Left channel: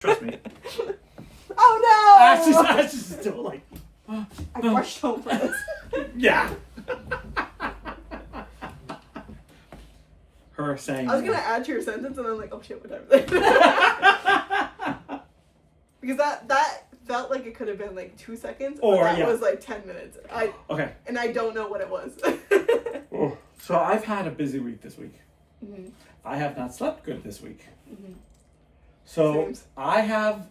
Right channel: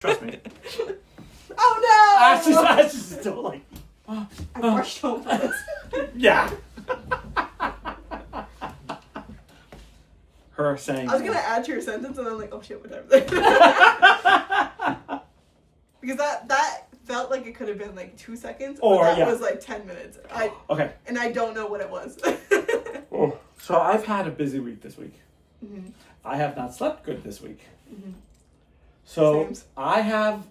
Trust me. Oh no! Ash is still like. I rushed home for this. Yeah. Her saying. I was gonna add to your sentence, and I'm like, oh shit, what time is it? Because that felt like it could have been like 2 seconds, or that was like 10 minutes. Okay. And I don't know what it was. Oh, so I've had a busy week this week. Mm-hmm. I have not slept good this week. Mm-hmm. So Sames. I have.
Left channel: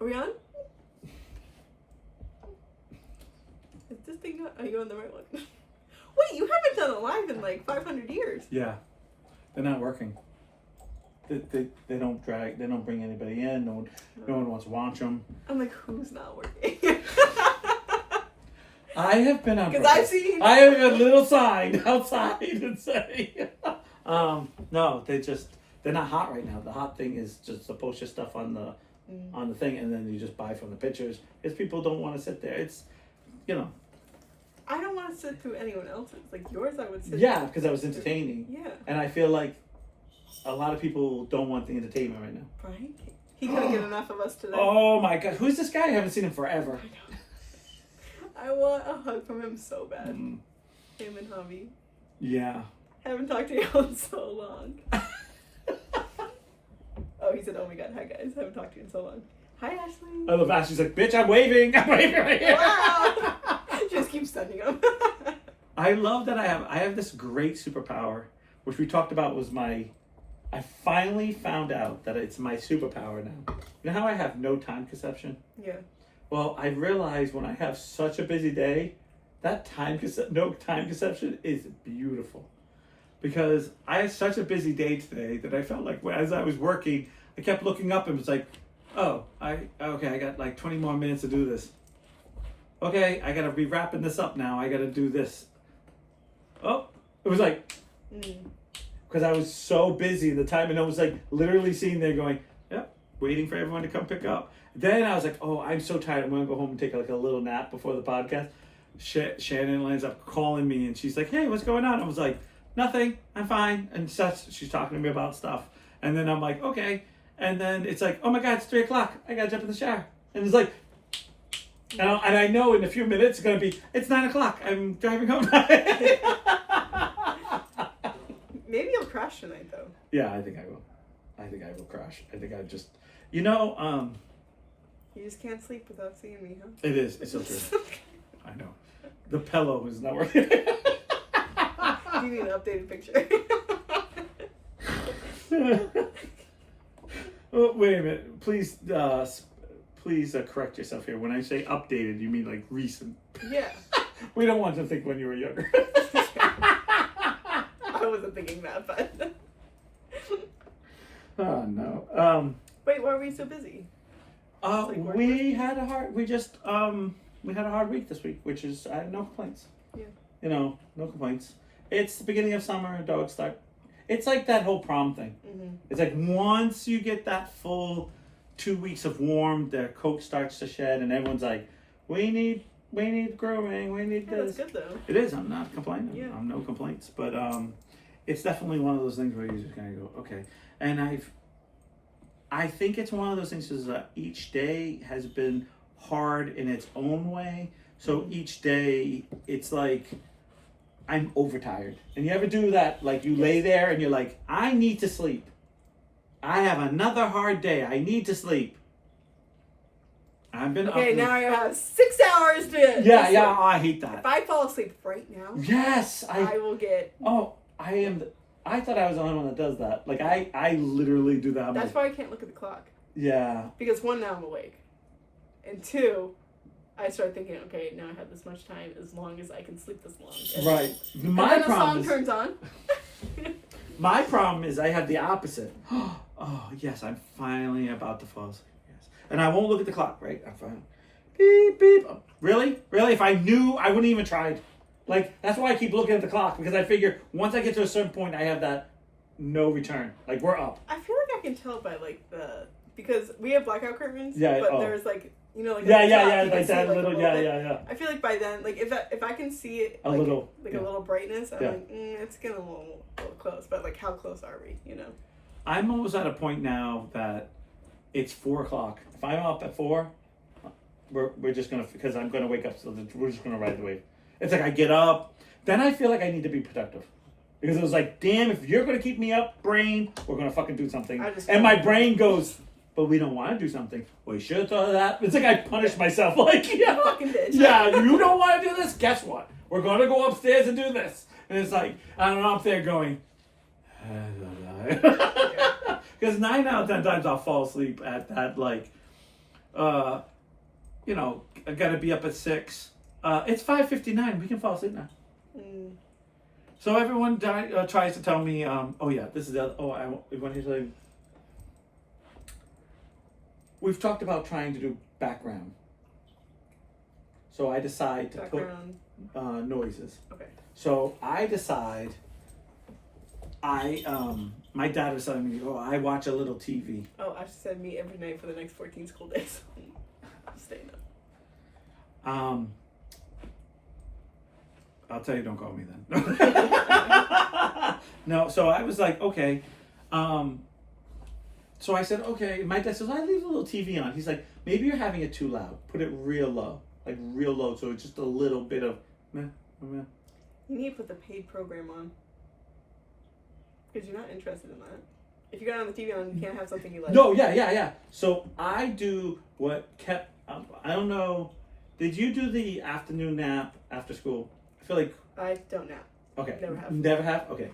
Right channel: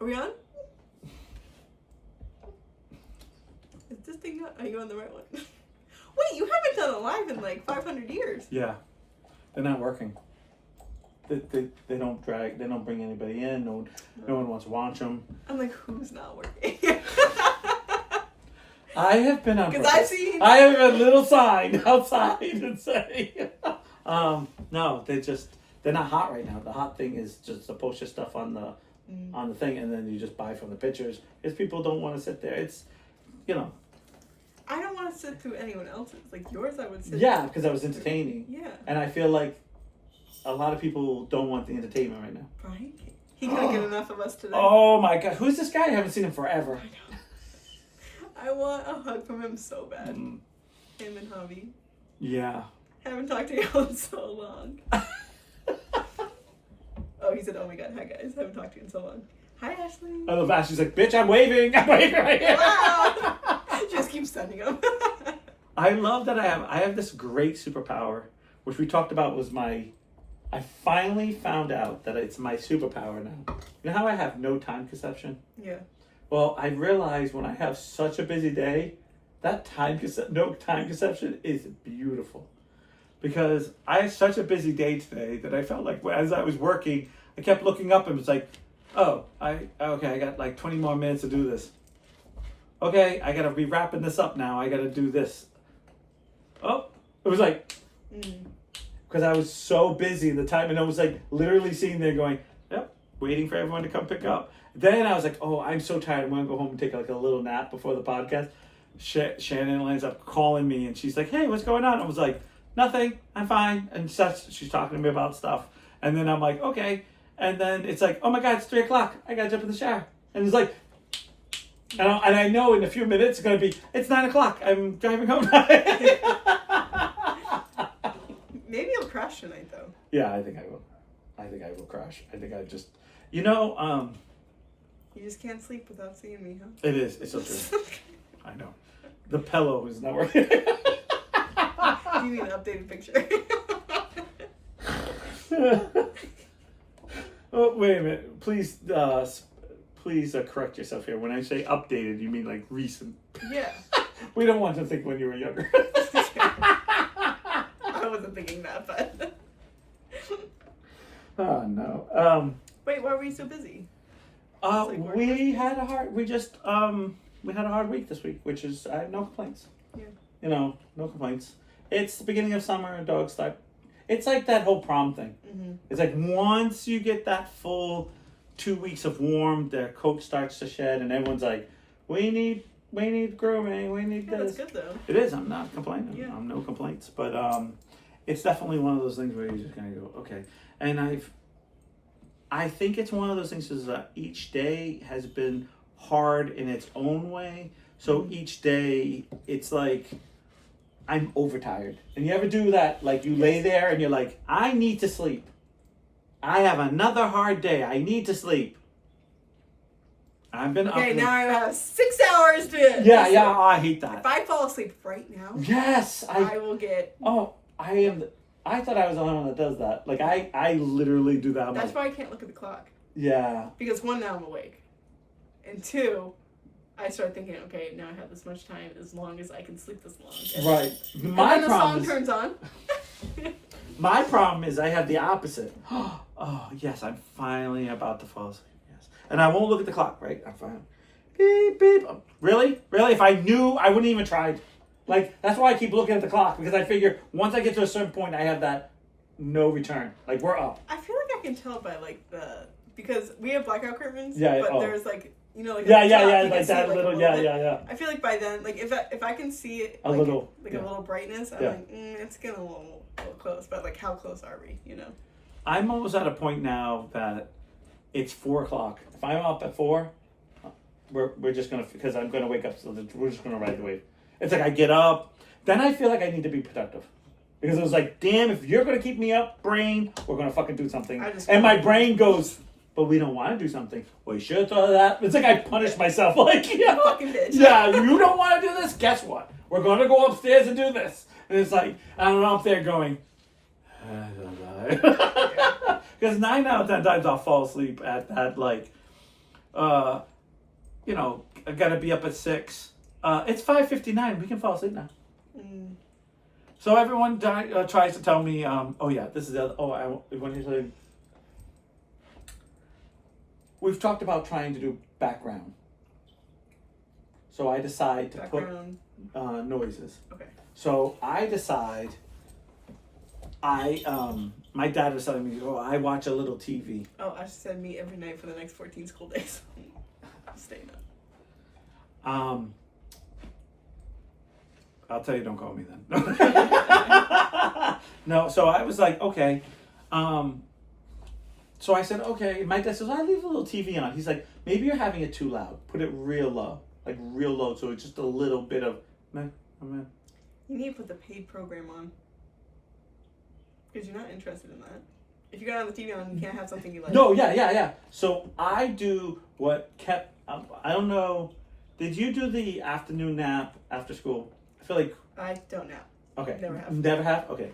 Are we on? Is this thing not? Are you on the right one? Wait, you haven't done a live in like 500 years. Yeah, they're not working. They don't drag. They don't bring anybody in. No one wants to watch them. I'm like, who's not working? I have been on. Because I've seen. I have a little sign outside and say, no, they're not hot right now. The hot thing is just to post your stuff on the thing, and then you just buy from the pictures because people don't want to sit there. It's, I don't want to sit through anyone else's. Like yours, I would sit. Yeah, because I was entertaining. Yeah. And I feel like a lot of people don't want the entertainment right now. Right? He couldn't get enough of us today. Oh my god, who's this guy? I haven't seen him forever. I know. I want a hug from him so bad. Him and hubby. Yeah. Haven't talked to you in so long. Oh, he said, oh my god, hi guys. Haven't talked to you in so long. Hi, Ashley. I love Ashley's like, bitch, I'm waving right here. Wow. Just keep sending him. I love that I have this great superpower, which we talked about was I finally found out that it's my superpower now. You know how I have no time conception? Yeah. Well, I realized when I have such a busy day, that no time conception is beautiful. Because I had such a busy day today that I felt like as I was working, I kept looking up and was like, oh, I got like 20 more minutes to do this. Okay, I gotta be wrapping this up now. I gotta do this. Oh, it was like, because I was so busy at the time, and I was like literally sitting there going, yep, waiting for everyone to come pick up. Then I was like, oh, I'm so tired. I'm gonna go home and take like a little nap before the podcast. Shannon ends up calling me, and she's like, hey, what's going on? I was like, nothing, I'm fine. And she's talking to me about stuff. And then I'm like, okay. And then it's like, oh my God, it's 3:00. I gotta jump in the shower. And it's like, and I know in a few minutes it's gonna be, it's 9:00. I'm driving home. Maybe you'll crash tonight though. Yeah, I think I will. I think I will crash. I think I just, You just can't sleep without seeing me, huh? It is. It's so true. I know. The pillow is not working. Do you need an updated picture? Oh, wait a minute. Please correct yourself here. When I say updated, you mean like recent. Yeah. We don't want to think when you were younger. I wasn't thinking that, but. Oh no. Wait, why were you so busy? We had a hard week this week, which is I have no complaints. Yeah. No complaints. It's the beginning of summer and dogs start. It's like that whole prom thing. Mm-hmm. It's like once you get that full 2 weeks of warm, their coat starts to shed, and everyone's like, we need grooming, we need this. That's good though. It is. I'm not complaining. Yeah. I'm no complaints, but it's definitely one of those things where you're just gonna go, okay. And I think it's one of those things is that each day has been hard in its own way. So each day it's like I'm overtired. And you ever do that? Like you lay there and you're like, I need to sleep. I have another hard day. I need to sleep. I've been okay, up now I have 6 hours to. Yeah, oh, I hate that. If I fall asleep right now, yes, I will get. Oh, I am. I thought I was the only one that does that. Like I literally do that. That's why I can't look at the clock. Yeah. Because 1, now I'm awake, and 2, I start thinking, okay, now I have this much time as long as I can sleep this long. And right. And then the song turns on. My problem is I have the opposite. Oh yes, I'm finally about to fall asleep. Yes, and I won't look at the clock. Right, I'm fine. Beep beep. Really? If I knew, I wouldn't even tried. Like that's why I keep looking at the clock because I figure once I get to a certain point, I have that no return. Like we're up. I feel like I can tell by like because we have blackout curtains. Yeah. But there's like. Like yeah, like that little, yeah. I feel like by then, like if I can see it, a little brightness, I'm like, it's getting a little close. But like, how close are we? I'm almost at a point now that it's 4 o'clock. If I'm up at 4, we're just gonna, because I'm gonna wake up. So we're just gonna ride the wave. It's like I get up, then I feel like I need to be productive. Because it was like, damn, if you're going to keep me up, brain, we're going to fucking do something. And my brain goes, but we don't want to do something. Well, you should have thought of that. It's like I punish myself. Like, yeah, fucking bitch. Yeah, you don't want to do this? Guess what? We're going to go upstairs and do this. And it's like, I'm up there going, I don't know. Because 9 out of 10 times I'll fall asleep at that, like, you know, I got to be up at 6. It's 5:59. We can fall asleep now. Mm. So everyone tries to tell me, oh yeah, this is the other, I want to tell you. We've talked about trying to do background. So I decide to put noises. Okay. So I decide, my dad was telling me, I watch a little TV. Oh, Ash said me every night for the next 14 school days. I'm staying up. I'll tell you, don't call me then. No, so I was like, okay. So I said, okay. My dad says, I leave a little TV on. He's like, maybe you're having it too loud. Put it real low. Like real low. So it's just a little bit of, meh. You need to put the paid program on. Because you're not interested in that. If you got on the TV on, you can't have something you like. No, yeah. So I do what kept, I don't know. Did you do the afternoon nap after school? I feel like I don't nap. Okay. Never have. Okay.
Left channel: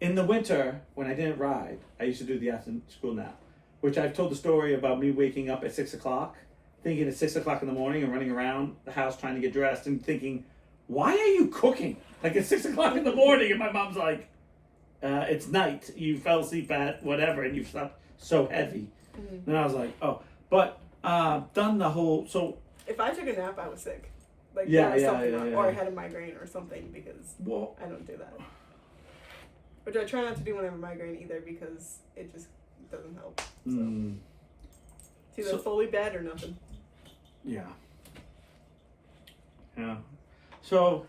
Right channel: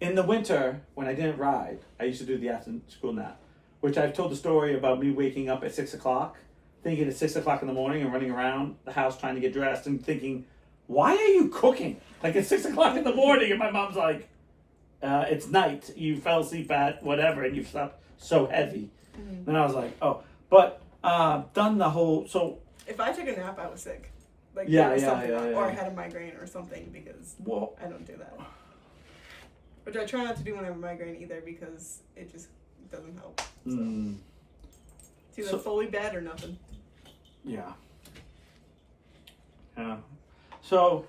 In the winter, when I didn't ride, I used to do the after school nap, which I've told the story about me waking up at 6 o'clock, thinking it's 6 o'clock in the morning and running around the house trying to get dressed and thinking, why are you cooking? Like it's 6 o'clock in the morning, and my mom's like, it's night. You fell asleep at whatever, and you slept so heavy. Mm-hmm. And I was like, oh, but done the whole so. If I took a nap, I was sick. Like something or I had a migraine or something because I don't do that. Which I try not to do when I have a migraine either because it just doesn't help. So. It's either fully bad or nothing. Yeah. So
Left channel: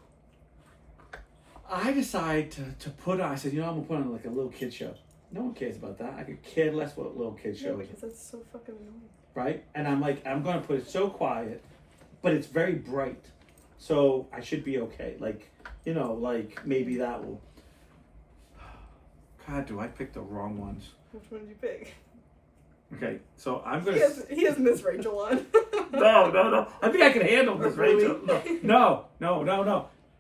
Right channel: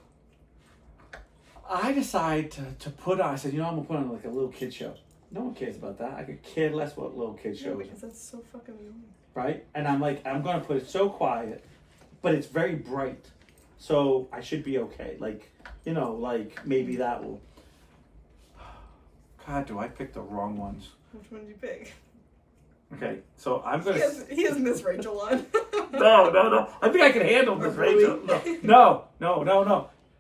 I decide to put on. I said, I'm gonna put on like a little kid show. No one cares about that. I could care less what little kid show. Yeah, because that's so fucking annoying. Right? And I'm like, I'm gonna put it so quiet, but it's very bright, so I should be okay. Like, like maybe that will. God, do I pick the wrong ones? Which one did you pick? Okay, so I'm gonna. He has Miss Rachel on. No. I think I can handle Miss Rachel. No.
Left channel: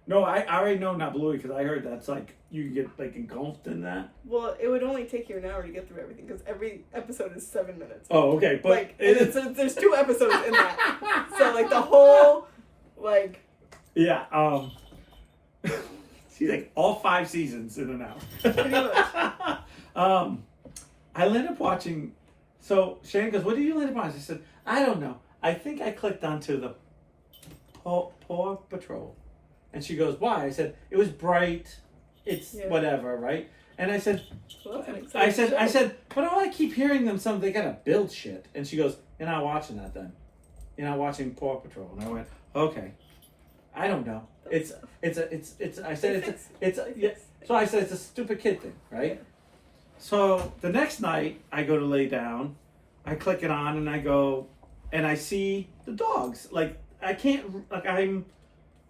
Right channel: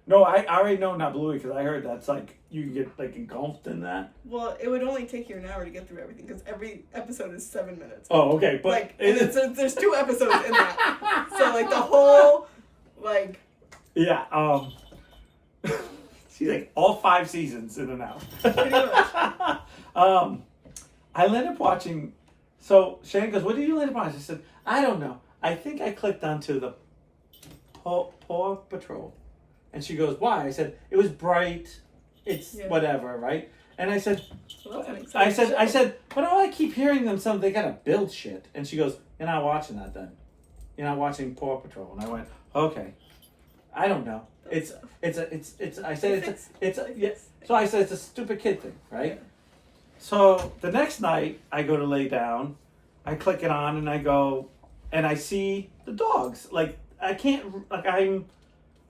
No, I already know not Bluey because I heard that's like you can get like engulfed in that. Well, it would only take you an hour to get through everything because every episode is 7 minutes. Oh, okay, but like there's 2 episodes in that, so like the whole like. Yeah. She's like all 5 seasons in an hour. Pretty much. I ended up watching. So Shane goes, "What did you end up watching?" I said, "I don't know. I think I clicked onto the Paw Patrol." And she goes, "Why?" I said, "It was bright. It's whatever, right?" And I said, well, I said, "But all I keep hearing them they gotta build shit." And she goes, "You're not watching that then. You're not watching Paw Patrol." And I went, "Okay. I don't know. So I said it's a stupid kid thing, right?" Yeah. So the next night I go to lay down, I click it on and I go, and I see the dogs. Like I can't, like I don't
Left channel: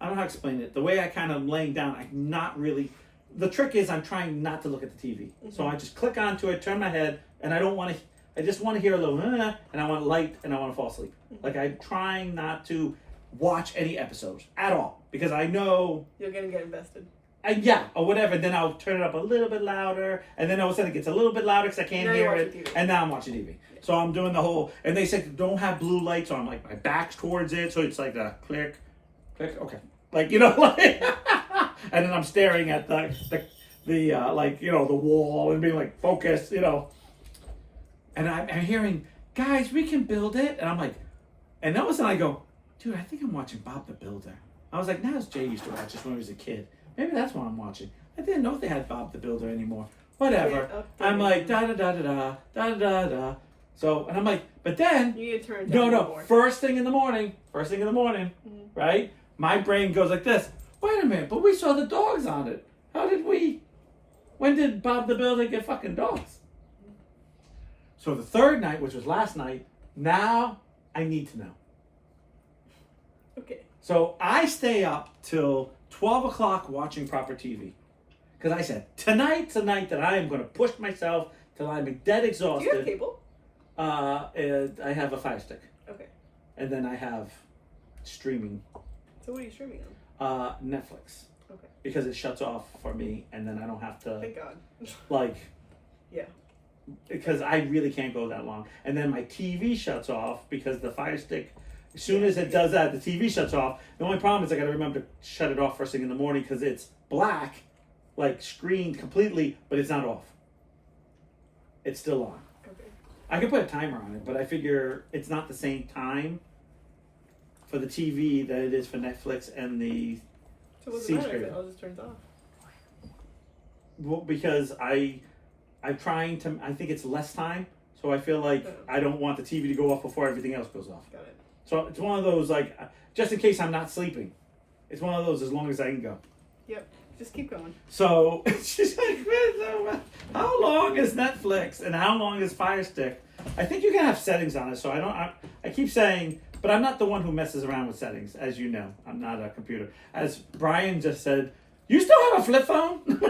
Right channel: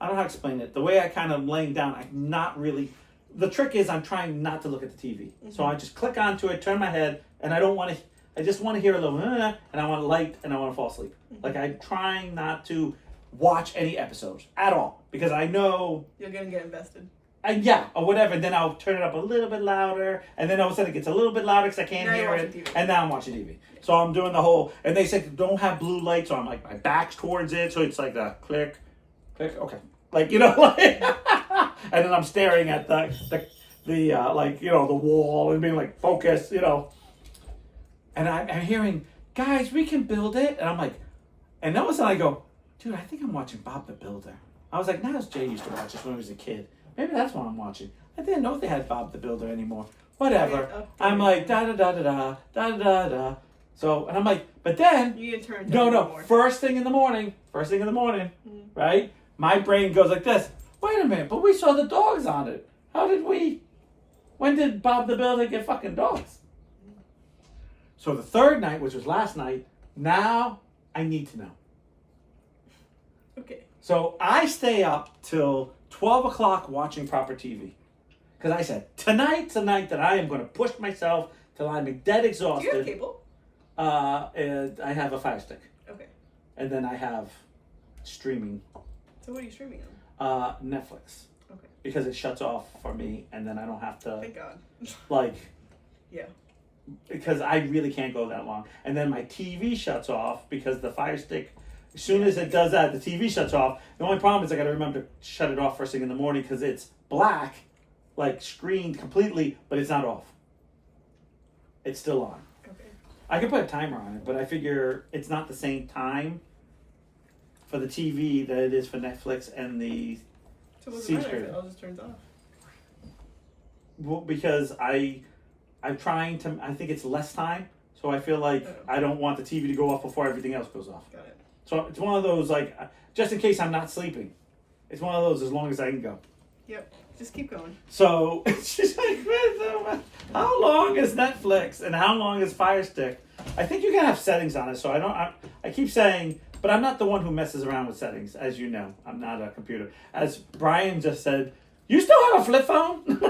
know how to explain it. The way I kind of laying down, I'm not really. The trick is I'm trying not to look at the TV. Mm-hmm. So I just click onto it, turn my head, and I don't want to. I just want to hear a little, and I want light, and I want to fall asleep. Mm-hmm. Like I'm trying not to watch any episodes at all because I know you're gonna get invested. Or whatever. Then I'll turn it up a little bit louder, and then all of a sudden it gets a little bit louder because I can't hear it. TV. And now I'm watching TV. Yeah. So I'm doing the whole. And they said don't have blue lights, so I'm like my back's towards it, so it's like a click, okay, like like. And then I'm staring at the like the wall and being like focused, And I'm hearing, guys, we can build it, and I'm like, and all of a sudden I go, dude, I think I'm watching Bob the Builder. I was like, Nas J used to watch this when I was a kid. Maybe that's what I'm watching. I didn't know if they had Bob the Builder anymore. Whatever. I'm like, da-da-da-da-da, da-da-da-da. So, and I'm like, but then... You need to turn it down. No. More. First thing in the morning, right? My brain goes like this. Wait a minute, but we saw the dogs on it. When did Bob the Builder get fucking dogs? So the third night, which was last night, now I need to know. Okay. So I stay up till 12 o'clock watching proper TV. Because I said, tonight's the night that I am going to push myself till I'm dead exhausted. Do you have cable? And I have a Fire Stick. Okay. And then I have streaming. So what are you streaming on? Netflix. Okay. Because it shuts off for me, and then I don't have to, Thank God. like... Yeah. Because I really can't go that long. And then my TV shuts off because the Fire Stick, as soon as it does that, the TV shuts off. The only problem is I got to remember to shut it off first thing in the morning because it's black, like screened completely, but it's not off. It's still on. Okay. I can put a timer on it, but I figure it's not the same time for the TV that it is for Netflix and the So what's the matter if it all just turns off? Well, because I'm trying to, I think it's less time, so I feel like I don't want the TV to go off before everything else goes off. Got it. So it's one of those, like, just in case I'm not sleeping. It's one of those as long as I can go. Yep. Just keep going. So she's like, how long is Netflix and how long is Fire Stick? I think you can have settings on it, so I keep saying, but I'm not the one who messes around with settings, as you know. I'm not a computer. As Brian just said, you still have a flip phone?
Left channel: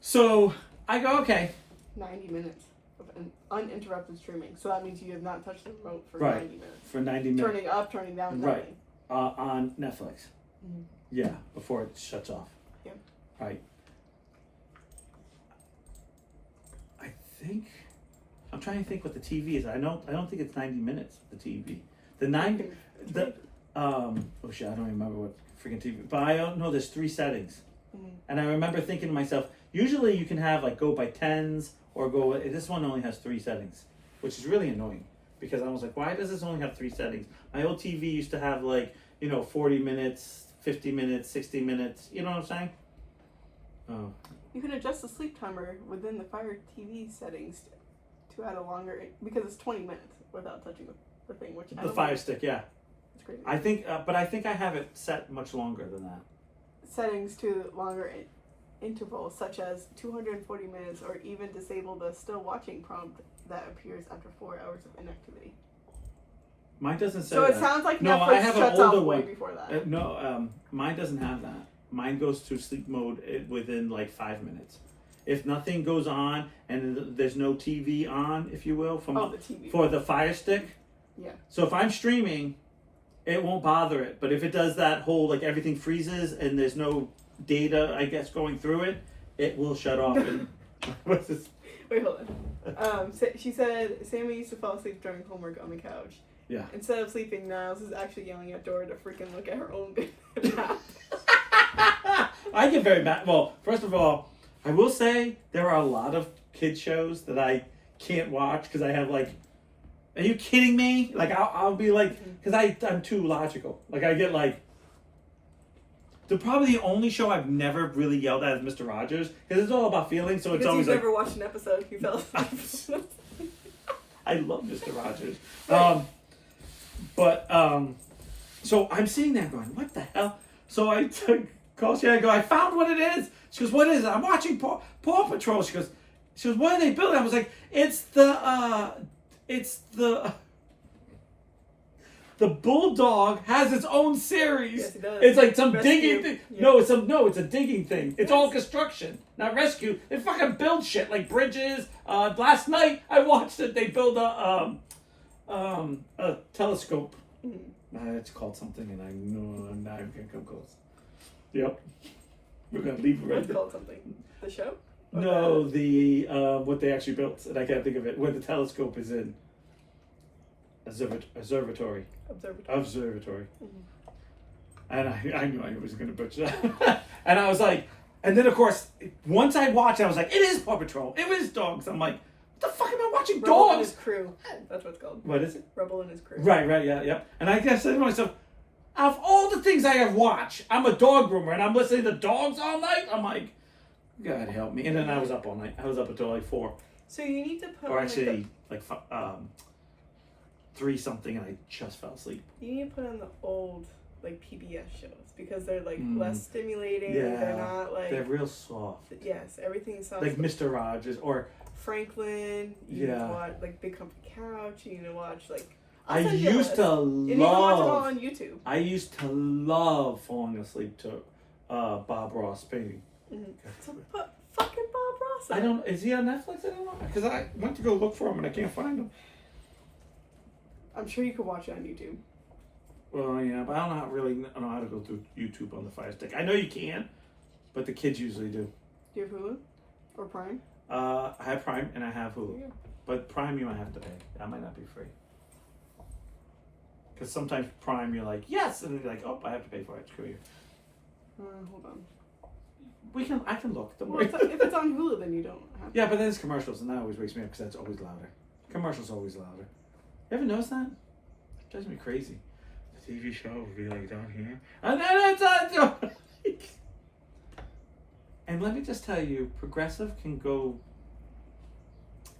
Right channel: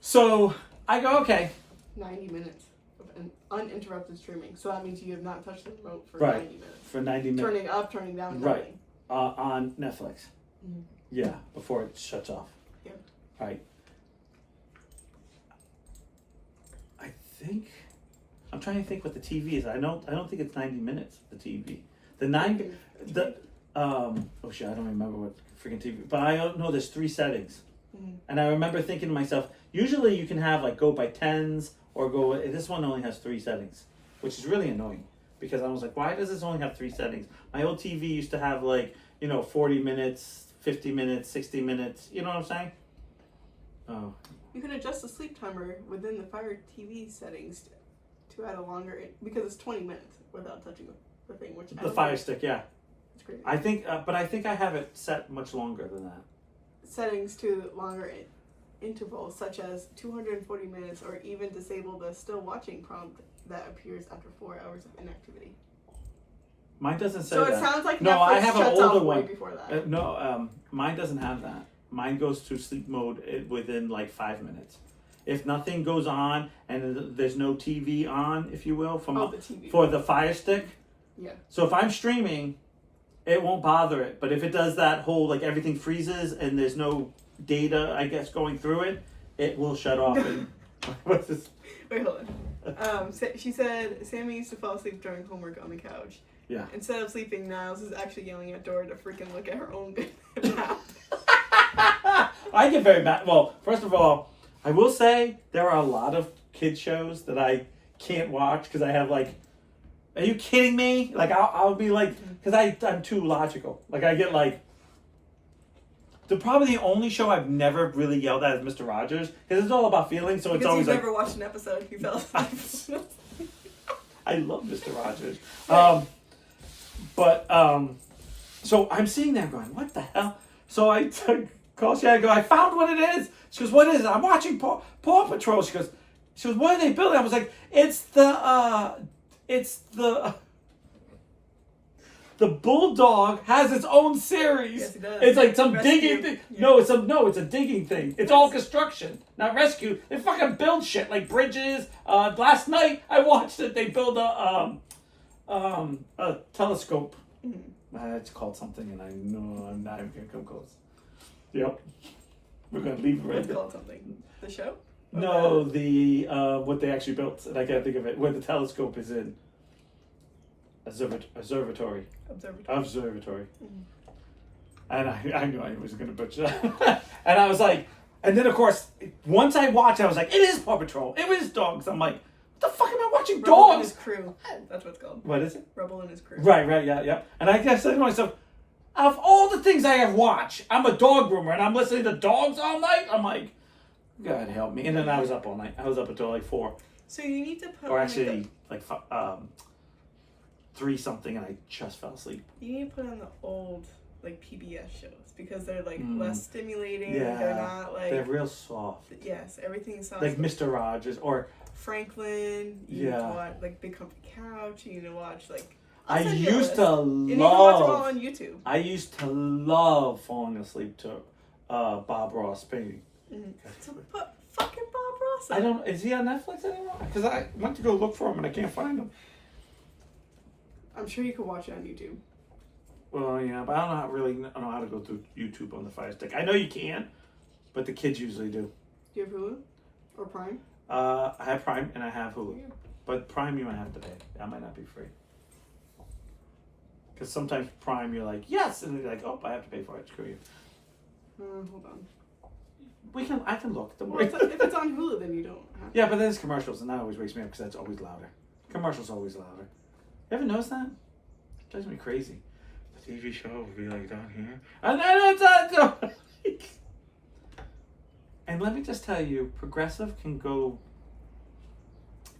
So I go, okay. 90 minutes of uninterrupted streaming. So that means you have not touched the remote for Right. 90 minutes. For 90 minutes. Turning up, turning down, Right. nothing. On Netflix. Mhm. Yeah, before it shuts off. Yeah. Right. I think I'm trying to think what the TV is. I don't think it's 90 minutes, the TV. Oh shit, I don't remember what freaking TV, but I don't know there's 3 settings. Mhm. And I remember thinking to myself, usually you can have like go by 10s or go, this one only has 3 settings, which is really annoying because I was like, why does this only have 3 settings? My old TV used to have like, 40 minutes, 50 minutes, 60 minutes, you know what I'm saying? Oh. You can adjust the sleep timer within the Fire TV settings to add a longer, because it's 20 minutes without touching the thing, which I The don't Fire think- Stick, yeah. It's crazy. I think, but I think I have it set much longer than that. Settings to longer intervals, such as 240 minutes, or even disable the still watching prompt that appears after 4 hours of inactivity. Mine doesn't say So that. it sounds like No, Netflix I have an shuts older off way one. before that. No, mine doesn't have that. Mine goes to sleep mode within like 5 minutes. If nothing goes on and there's no TV on, if you will, the TV. for the Fire Stick. Yeah. So if I'm streaming, it won't bother it. But if it does that whole, like everything freezes and there's no data, I guess, going through it, it will shut off. What's this? Wait, hold on. She said Sammy used to fall asleep during homework on the couch. Yeah. Instead of sleeping, Niles is actually yelling at Dora to freaking look at her own nap. I get very mad. Well, first of all, I will say there are a lot of kid shows that I can't watch because I have like, are you kidding me? Like I'll be like, because I'm too logical. Like I get like, probably the only show I've never really yelled at is Mr. Rogers because it's all about feelings. So Because it's always you've like, never watched an episode, you fell asleep. I love Mr. Rogers. So I'm sitting there going, what the hell? So I call Shannon and go, I found what it is. She goes, what is it? I'm watching Paw Patrol. She goes, what are they building? I was like, it's the Bulldog has its own series. Yes, it does. It's like some Rescue. digging thing. Yeah. It's a digging thing. It's all construction, not rescue. They fucking build shit like bridges. Last night I watched it. They build a telescope. It's called something, and I know I'm not even gonna come close. Yep, we're gonna leave it right What's there. called something? The show? Or No, the what they actually built, and I can't think of it. Where the telescope is in. Observatory. Observatory. And I knew I was going to butcher that. And I was like, and then of course, once I watched, I was like, it is Paw Patrol. It is dogs. I'm like, what the fuck am I watching? Rebel and Dogs? his crew. That's what it's called. What is it? Rebel and his crew. Right, yeah. And I guess I said to myself, out of all the things I have watched, I'm a dog groomer and I'm listening to dogs all night. I'm like, God help me. And then I was up all night. I was up until like 4. So you need to put Or on actually, like 3 something, and I just fell asleep. you need to put on the old like PBS shows because they're like less stimulating. Yeah, they're not like they're real soft. Yes, everything is soft. Like Mr. Rogers or Franklin. You need to watch like Big Comfy Couch. You need to watch like. I used to love. And you can watch them all on YouTube. I used to love falling asleep to Bob Ross baby. So put fucking Bob Ross. I don't. Is he on Netflix? I don't know. Because I went to go look for him and I can't find him. I'm sure you could watch it on YouTube. Well, yeah, but I don't know how to go through YouTube on the Fire Stick. I know you can, but the kids usually do. Do you have Hulu or Prime? I have Prime and I have Hulu, Yeah. but Prime you might have to pay. That might not be free. Because sometimes Prime you're like yes, and then you're like oh I have to pay for it. Screw you. Hold on. I can look. Well, if it's on Hulu, then you don't have to. Yeah, but then it's commercials, and that always wakes me up because that's always louder. Commercials always louder. You ever notice that? It drives me crazy. The TV show will be like down here, and then it's on. And let me just tell you, Progressive can go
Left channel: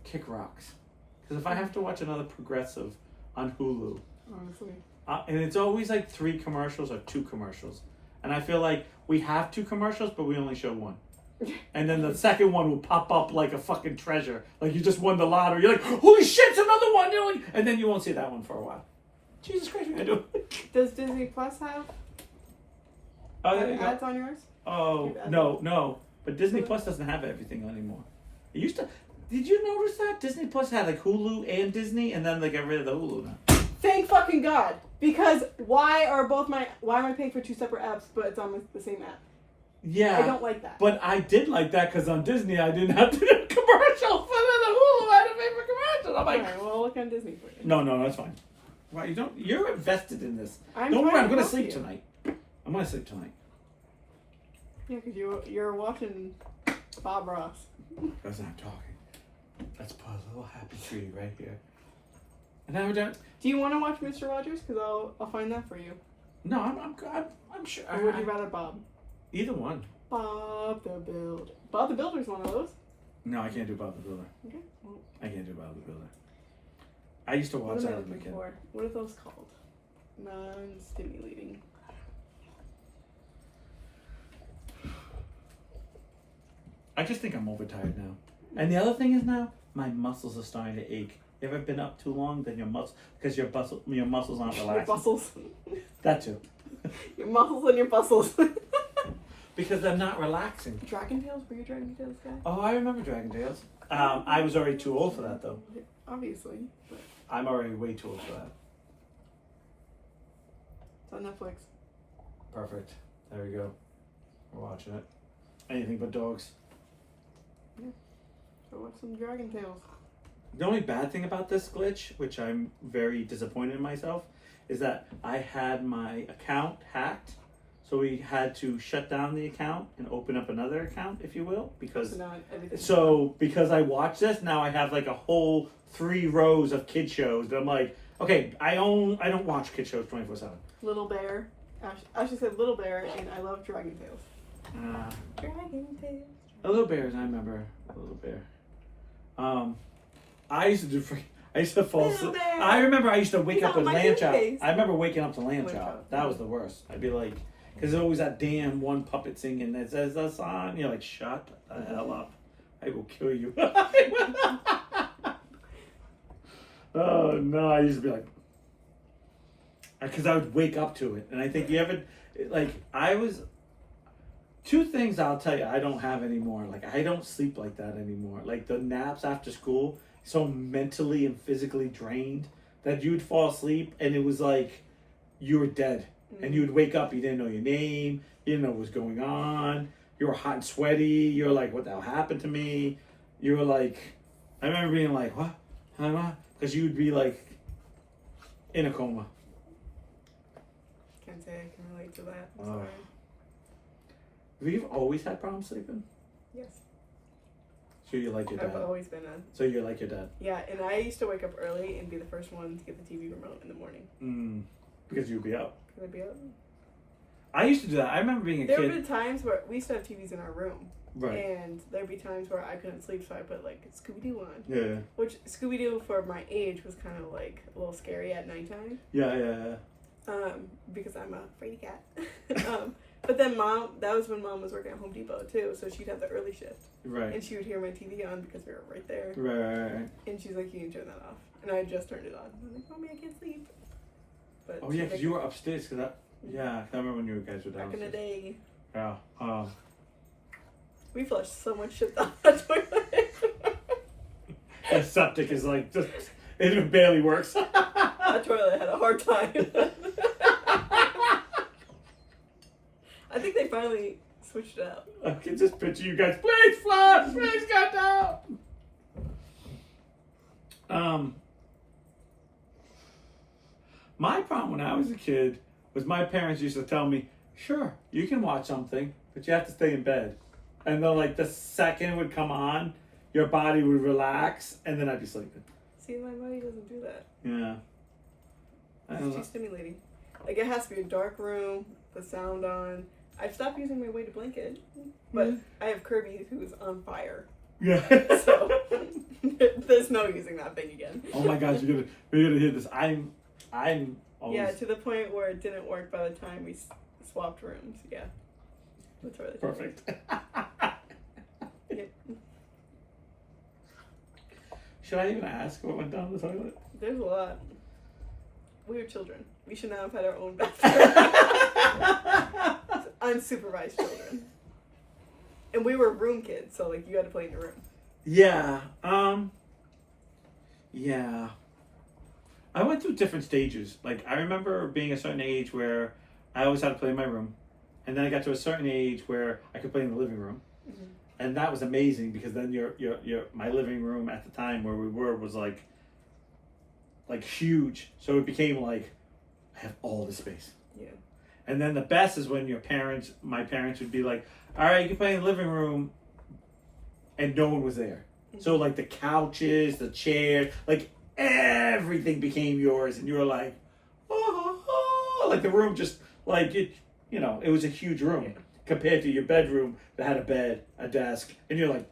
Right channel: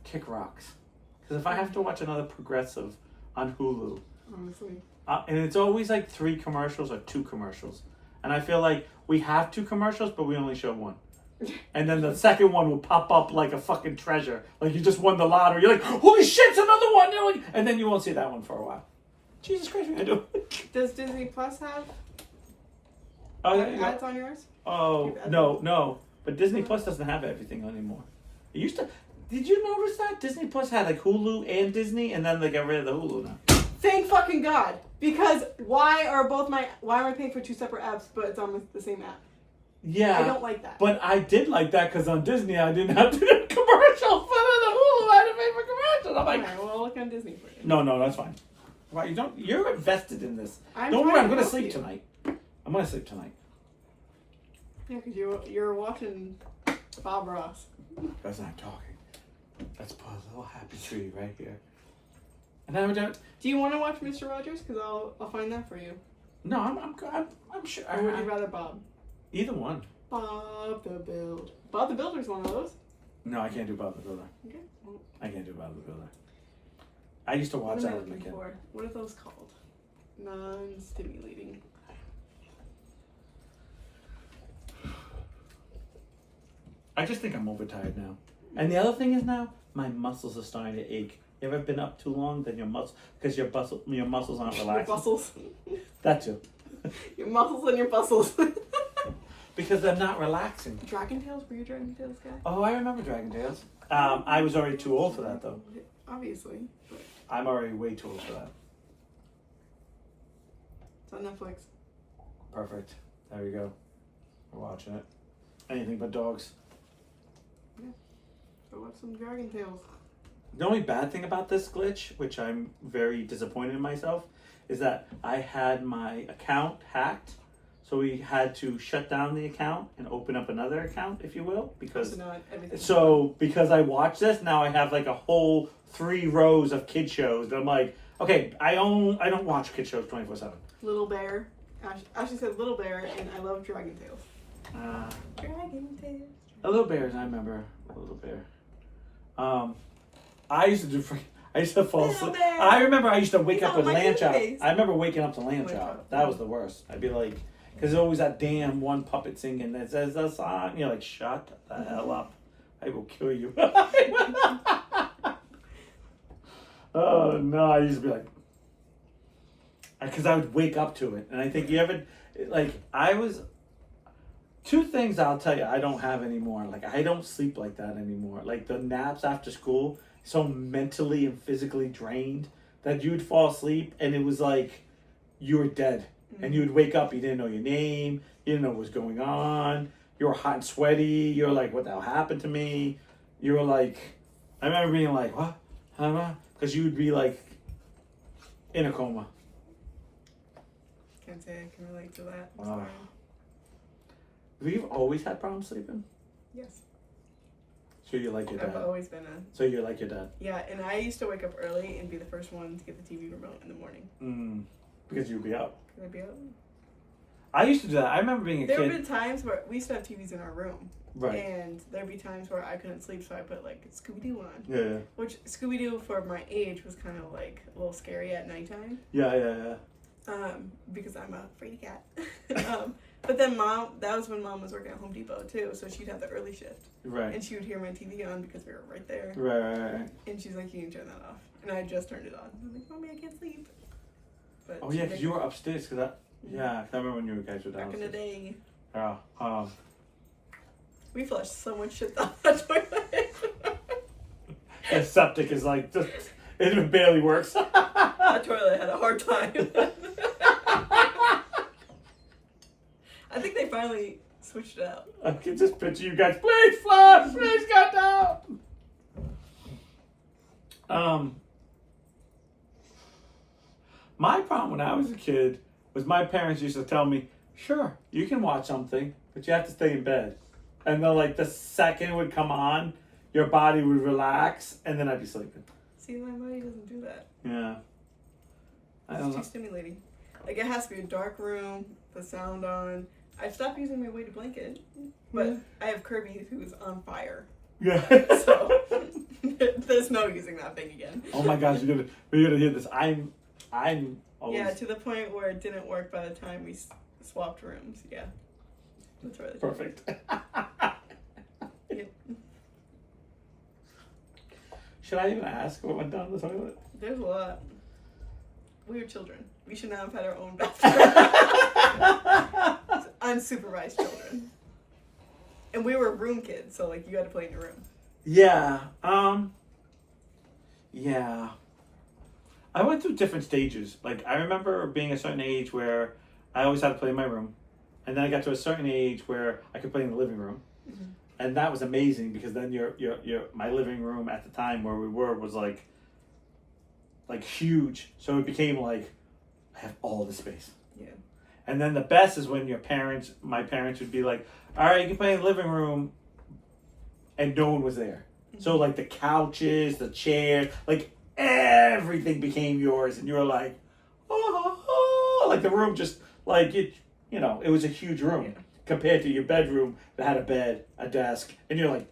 kick rocks. Because if I have to watch another Progressive on Hulu, Honestly. and it's always like 3 commercials or 2 commercials, and I feel like we have 2 commercials, but we only show 1. And then the second one will pop up like a fucking treasure. Like you just won the lottery. You're like, holy shit, it's another one. You're like, and then you won't see that one for a while. Jesus Christ, I do. Does Disney Plus have ads on yours? Oh, no. But Disney Plus doesn't have everything anymore. It used to. Did you notice that? Disney Plus had like Hulu and Disney, and then they got rid of the Hulu now. Thank fucking God. Because why am I paying for 2 separate apps, but it's on the same app? Yeah. I don't like that. But I did like that because on Disney I didn't have to do commercials. But on the Hulu I had to pay for commercials. I'm like, alright, well, look on Disney for you. No, that's fine. Why you don't? You're invested in this. I'm Don't worry, I'm trying gonna to sleep help you. tonight. I'm gonna sleep tonight. Yeah, because you're watching Bob Ross. That's not talking. Let's put a little happy tree right here. And then we're done. Do you want to watch Mr. Rogers? Because I'll find that for you. No, I'm sure. Or would you rather Bob? Either one. Bob the Builder. Bob the Builder's one of those. No, I can't do Bob the Builder. Okay. Well, I can't do Bob the Builder. I used to watch what am that I as a looking kid. for? What are those called? Non-stimulating. I just think I'm overtired now. And the other thing is now, my muscles are starting to ache. You ever been up too long? Then your muscles aren't relaxing. Your bustles. That too. Your muscles and your bustles. Because they're not relaxing. Dragon Tales? Were you a Dragon Tales guy? Oh, I remember Dragon Tales. I was already too old for that though. Obviously. But I'm already way too old for that. it's on Netflix. Perfect. There we go. We're watching it. Anything but dogs. So watch some Dragon Tales. The only bad thing about this glitch, which I'm very disappointed in myself, is that I had my account hacked. So we had to shut down the account and open up another account, if you will, because because I watched this, now I have like a whole 3 rows of kid shows that I'm like, okay, I don't watch kid shows 24/7. Little Bear. Ashley said Little Bear, and I love Dragon Tales. Dragon Tales. A Little Bears, I remember a Little Bear. I used to fall asleep. I remember I used to wake up with Lamb Chop. I remember waking up to Lamb Chop. That was the worst. I'd be like, because there's always that damn one puppet singing that says the song. You're like, shut the hell up. I will kill you. Oh no, I used to be like, because I would wake up to it. And I think you ever, like, I was, 2 things I'll tell you I don't have anymore. Like, I don't sleep like that anymore. Like, the naps after school, so mentally and physically drained that you would fall asleep and it was like you were dead. Mm-hmm. And you would wake up, you didn't know your name, you didn't know what was going on, you were hot and sweaty, you were like, what the hell happened to me? You were like, I remember being like, what? Because you would be like in a coma. Can't say I can relate to that. I'm Wow. sorry. Have you always had problems sleeping? Yes. So you're like your dad. I've always been So you're like your dad. Yeah, and I used to wake up early and be the first one to get the TV remote in the morning. Because you'd be up. Could I be up? I used to do that. I remember being a kid. There would be times where we used to have TVs in our room. Right. And there'd be times where I couldn't sleep, so I put like Scooby-Doo on. Yeah. Which Scooby-Doo for my age was kind of like a little scary at nighttime. Yeah. because I'm a fraidy cat. But then that was when Mom was working at Home Depot too, so she'd have the early shift. Right. And she would hear my TV on because we were right there. Right. And she's like, you can turn that off. And I just turned it on. I'm like, Mommy, I can't sleep. But Oh yeah, because you were upstairs. Cause I remember when you guys were downstairs. back in the day. Yeah. We flushed so much shit down the toilet. The septic is like just it barely works. That toilet had a hard time. I think they finally switched it out. I can just picture you guys. Please flush. Please get down. My problem when I was a kid was my parents used to tell me, "Sure, you can watch something, but you have to stay in bed." And then, like the second it would come on, your body would relax, and then I'd be sleeping. See, my body doesn't do that. Yeah. It's too stimulating. Like, it has to be a dark room, the sound on. I've stopped using my weighted blanket, but I have Kirby who's on fire. Yeah. So there's no using that thing again. Oh my gosh, we're gonna hear this. I'm always... Yeah, to the point where it didn't work by the time we swapped rooms. Yeah, that's really perfect. Yep. Should I even ask what went down the toilet? There's a lot. We were children. We should not have had our own bathroom. Unsupervised children. And we were room kids, so like you had to play in your room. Yeah. Yeah. I went through different stages. Like I remember being a certain age where I always had to play in my room. And then I got to a certain age where I could play in the living room. Mm-hmm. And that was amazing because then my living room at the time where we were was like huge. So it became like I have all the space. Yeah. And then the best is when my parents would be like, all right, you can play in the living room, and no one was there. Mm-hmm. So like the couches, the chairs, like everything became yours, and you were like, oh, like the room just like it, it was a huge room compared to your bedroom that had a bed, a desk, and you're like,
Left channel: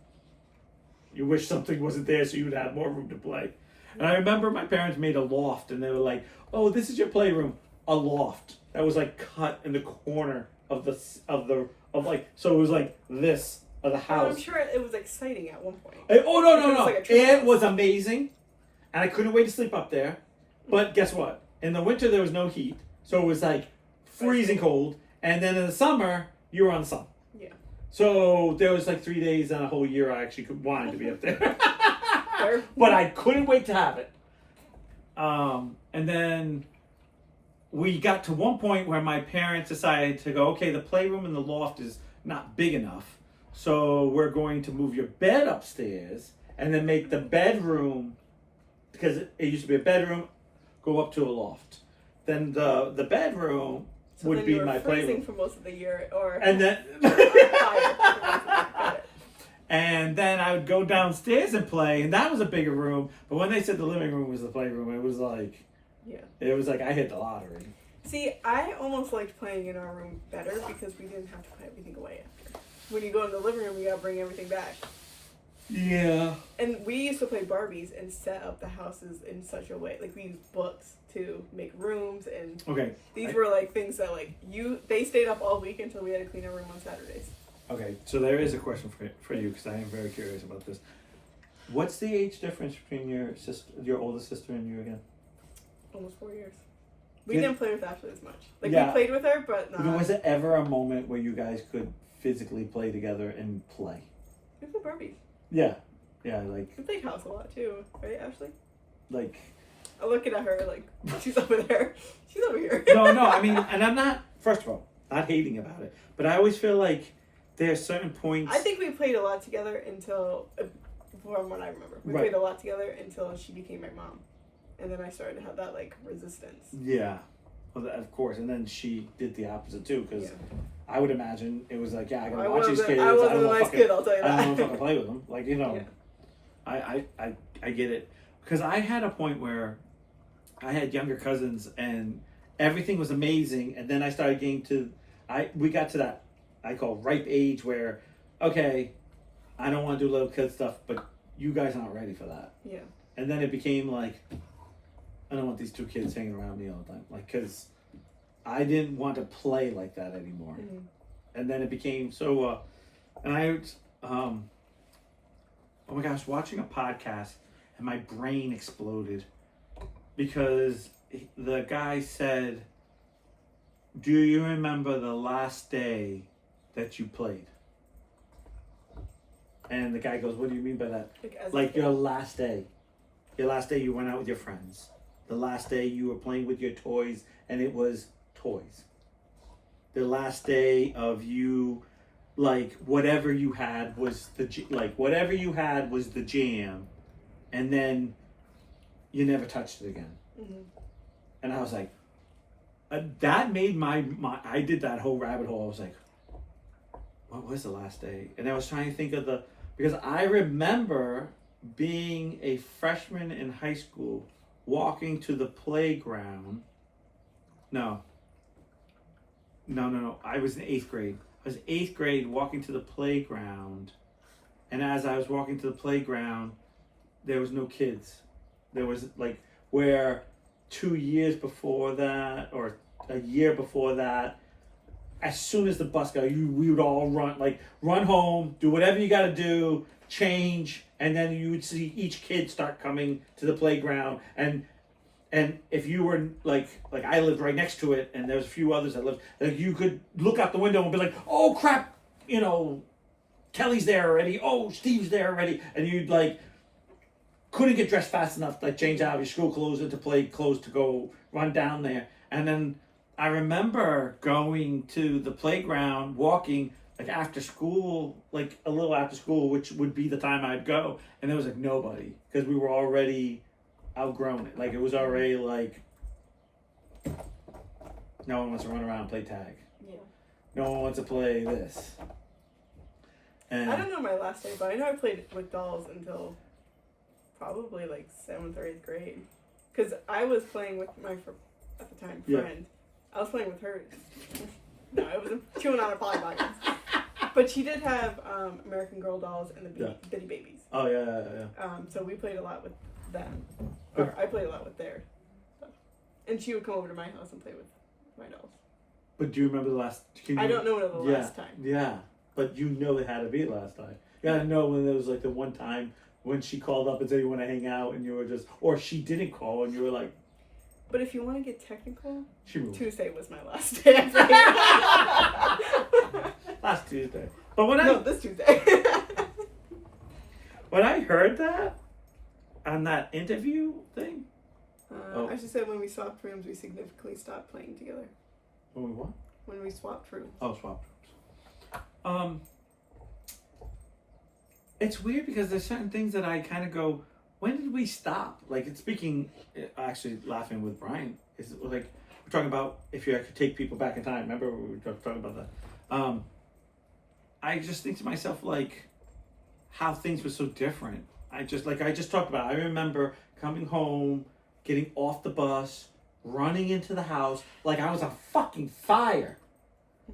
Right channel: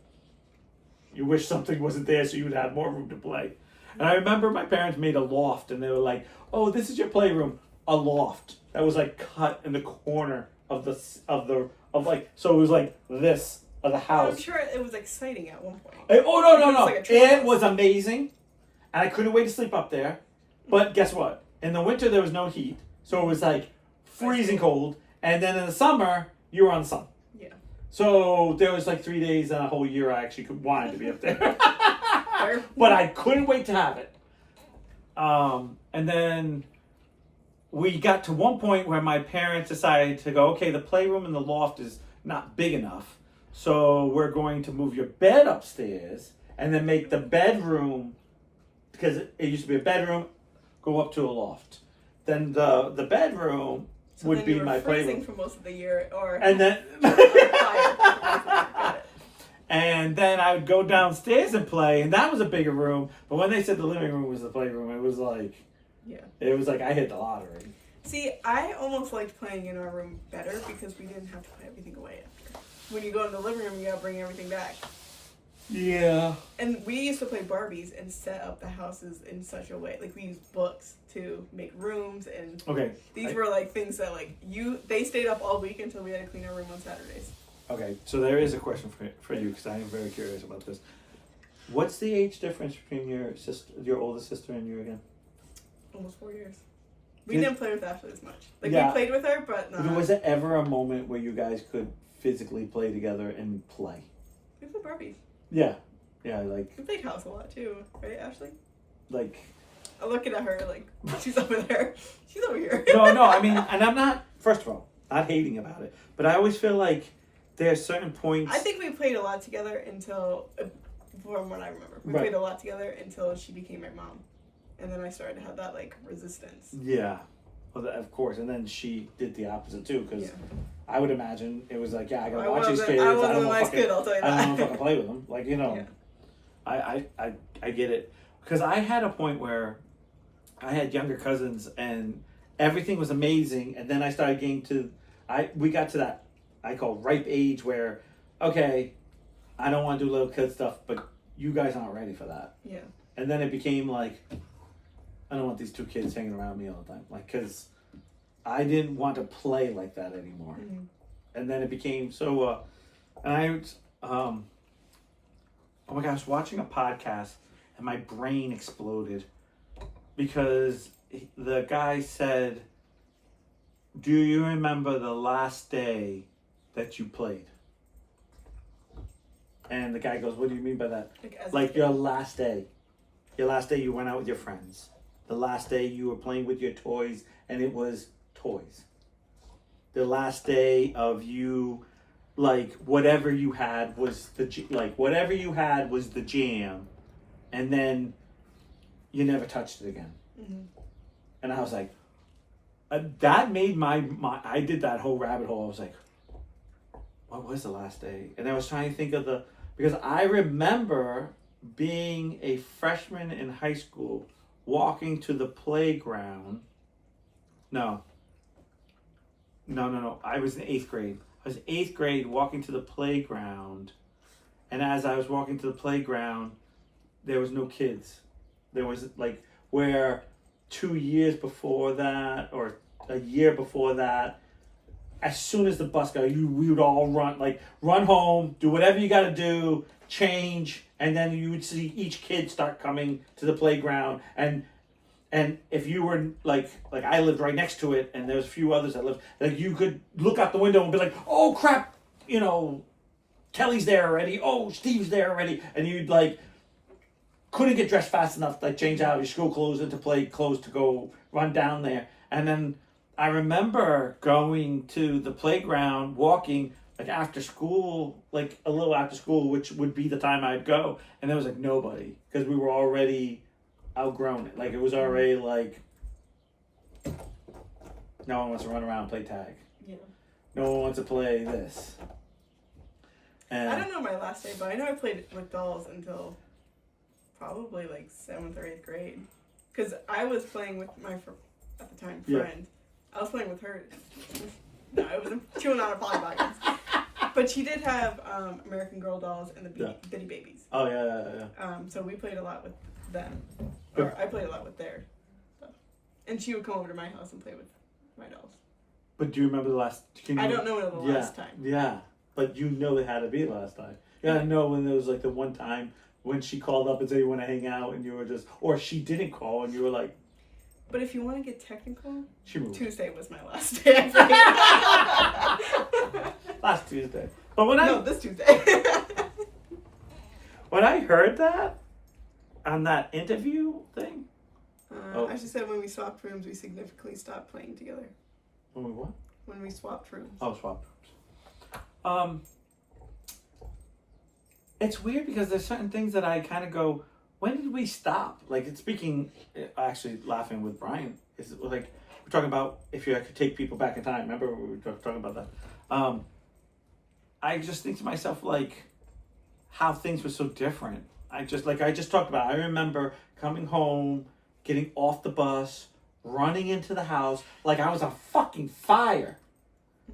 you wish something wasn't there so you would have more room to play. And I remember my parents made a loft, and they were like, oh, this is your playroom, a loft that was like cut in the corner of so it was like this of the house. Well, I'm sure it was exciting at one point. No. Like it was amazing, and I couldn't wait to sleep up there. But guess what? In the winter there was no heat, so it was like freezing cold. And then in the summer you were on the sun. Yeah. So there was like 3 days in a whole year I actually wanted to be up there. But I couldn't wait to have it. And then we got to one point where my parents decided to go, okay, the playroom and the loft is not big enough. So we're going to move your bed upstairs and then make the bedroom, because it used to be a bedroom, go up to a loft. Then the bedroom would be my playroom. Freezing for most of the year, and then Got it. And then I would go downstairs and play, and that was a bigger room. But when they said the living room was the playroom, it was like I hit the lottery. See, I almost liked playing in our room better because we didn't have to put everything away after. When you go in the living room, you gotta bring everything back. Yeah. And we used to play Barbies and set up the houses in such a way. Like, we used books to make rooms, and these were like things that they stayed up all week until we had to clean our room on Saturdays. Okay, so there is a question for you because I am very curious about this. What's the age difference between your oldest sister, and you again? Almost 4 years. We didn't play with Ashley as much. We played with her, but not. Was it ever a moment where you guys could physically play together and play? We played Barbies. Yeah, like... We played house a lot, too. Right, Ashley? Like... I'm looking at her like, she's over there. She's over here. No, I mean, and I'm not, first of all, not hating about it, but I always feel like there are certain points... I think we played a lot together until, from what I remember, we played a lot together until she became my mom. And then I started to have that, resistance. Yeah. Well, of course. And then she did the opposite, too, because I would imagine it was like, I gotta watch these kids. I wasn't a nice kid, I'll tell you that. I don't know if I can play with them. I get it. Because I had a point where I had younger cousins, and everything was amazing, and then I started getting we got to that, I call ripe age where, okay, I don't want to do little kid stuff, but you guys aren't ready for that. Yeah. And then it became like, I don't want these two kids hanging around me all the time. Like, because I didn't want to play like that anymore. And then it became so, oh my gosh, I was watching a podcast and my brain exploded because the guy said, do you remember the last day that you played? And the guy goes, what do you mean by that? Like your last day. Your last day you went out with your friends. The last day you were playing with your toys and it was toys. The last day of you, like whatever you had was the jam, and then you never touched it again. And I was like, that made my I did that whole rabbit hole. I was like, what was the last day? And I was trying to think of because I remember being a freshman in high school, walking to the playground. No. I was in 8th grade. I was in 8th grade walking to the playground. And as I was walking to the playground, there was no kids. There was like where 2 years before that or a year before that, as soon as the bus got, we would all run home, do whatever you got to do, change, and then you would see each kid start coming to the playground. And if you were like I lived right next to it, and there's a few others that lived, like you could look out the window and be like, oh crap, Kelly's there already. Oh, Steve's there already, and you'd like couldn't get dressed fast enough, like change out of your school clothes into play clothes to go run down there. And then I remember going to the playground, walking like after school, like a little after school, which would be the time I'd go, and there was like nobody because we were already outgrown it. Like it was already like no one wants to run around and play tag. Yeah. No one wants to play this. And I don't know my last day, but I know I played with dolls until probably like 7th or 8th grade. Because I was playing with my, at the time, friend. I was playing with her. No, I wasn't chewing on her Polly Pockets. But she did have American Girl dolls and the Bitty Babies. Oh, yeah. So we played a lot with them. Or I played a lot with their stuff. And she would come over to my house and play with my dolls. But do you remember the last... I don't know the last time. Yeah, but you know it had to be the last time. You gotta know when there was like the one time when she called up and said you want to hang out and you were just... Or she didn't call and you were like... But if you want to get technical, Tuesday was my last day. I played. Last Tuesday. But this Tuesday. When I heard that on that interview thing, I just said when we swapped rooms, we significantly stopped playing together. When we what? When we swapped rooms. Oh, swapped rooms. It's weird because there's certain things that I kind of go, when did we stop? Like, it's speaking, actually laughing with Brian, is like, we're talking about if you could take people back in time. Remember we were talking about that? I just think to myself, like, how things were so different. I just talked about, I remember coming home, getting off the bus, running into the house, like I was a fucking fire,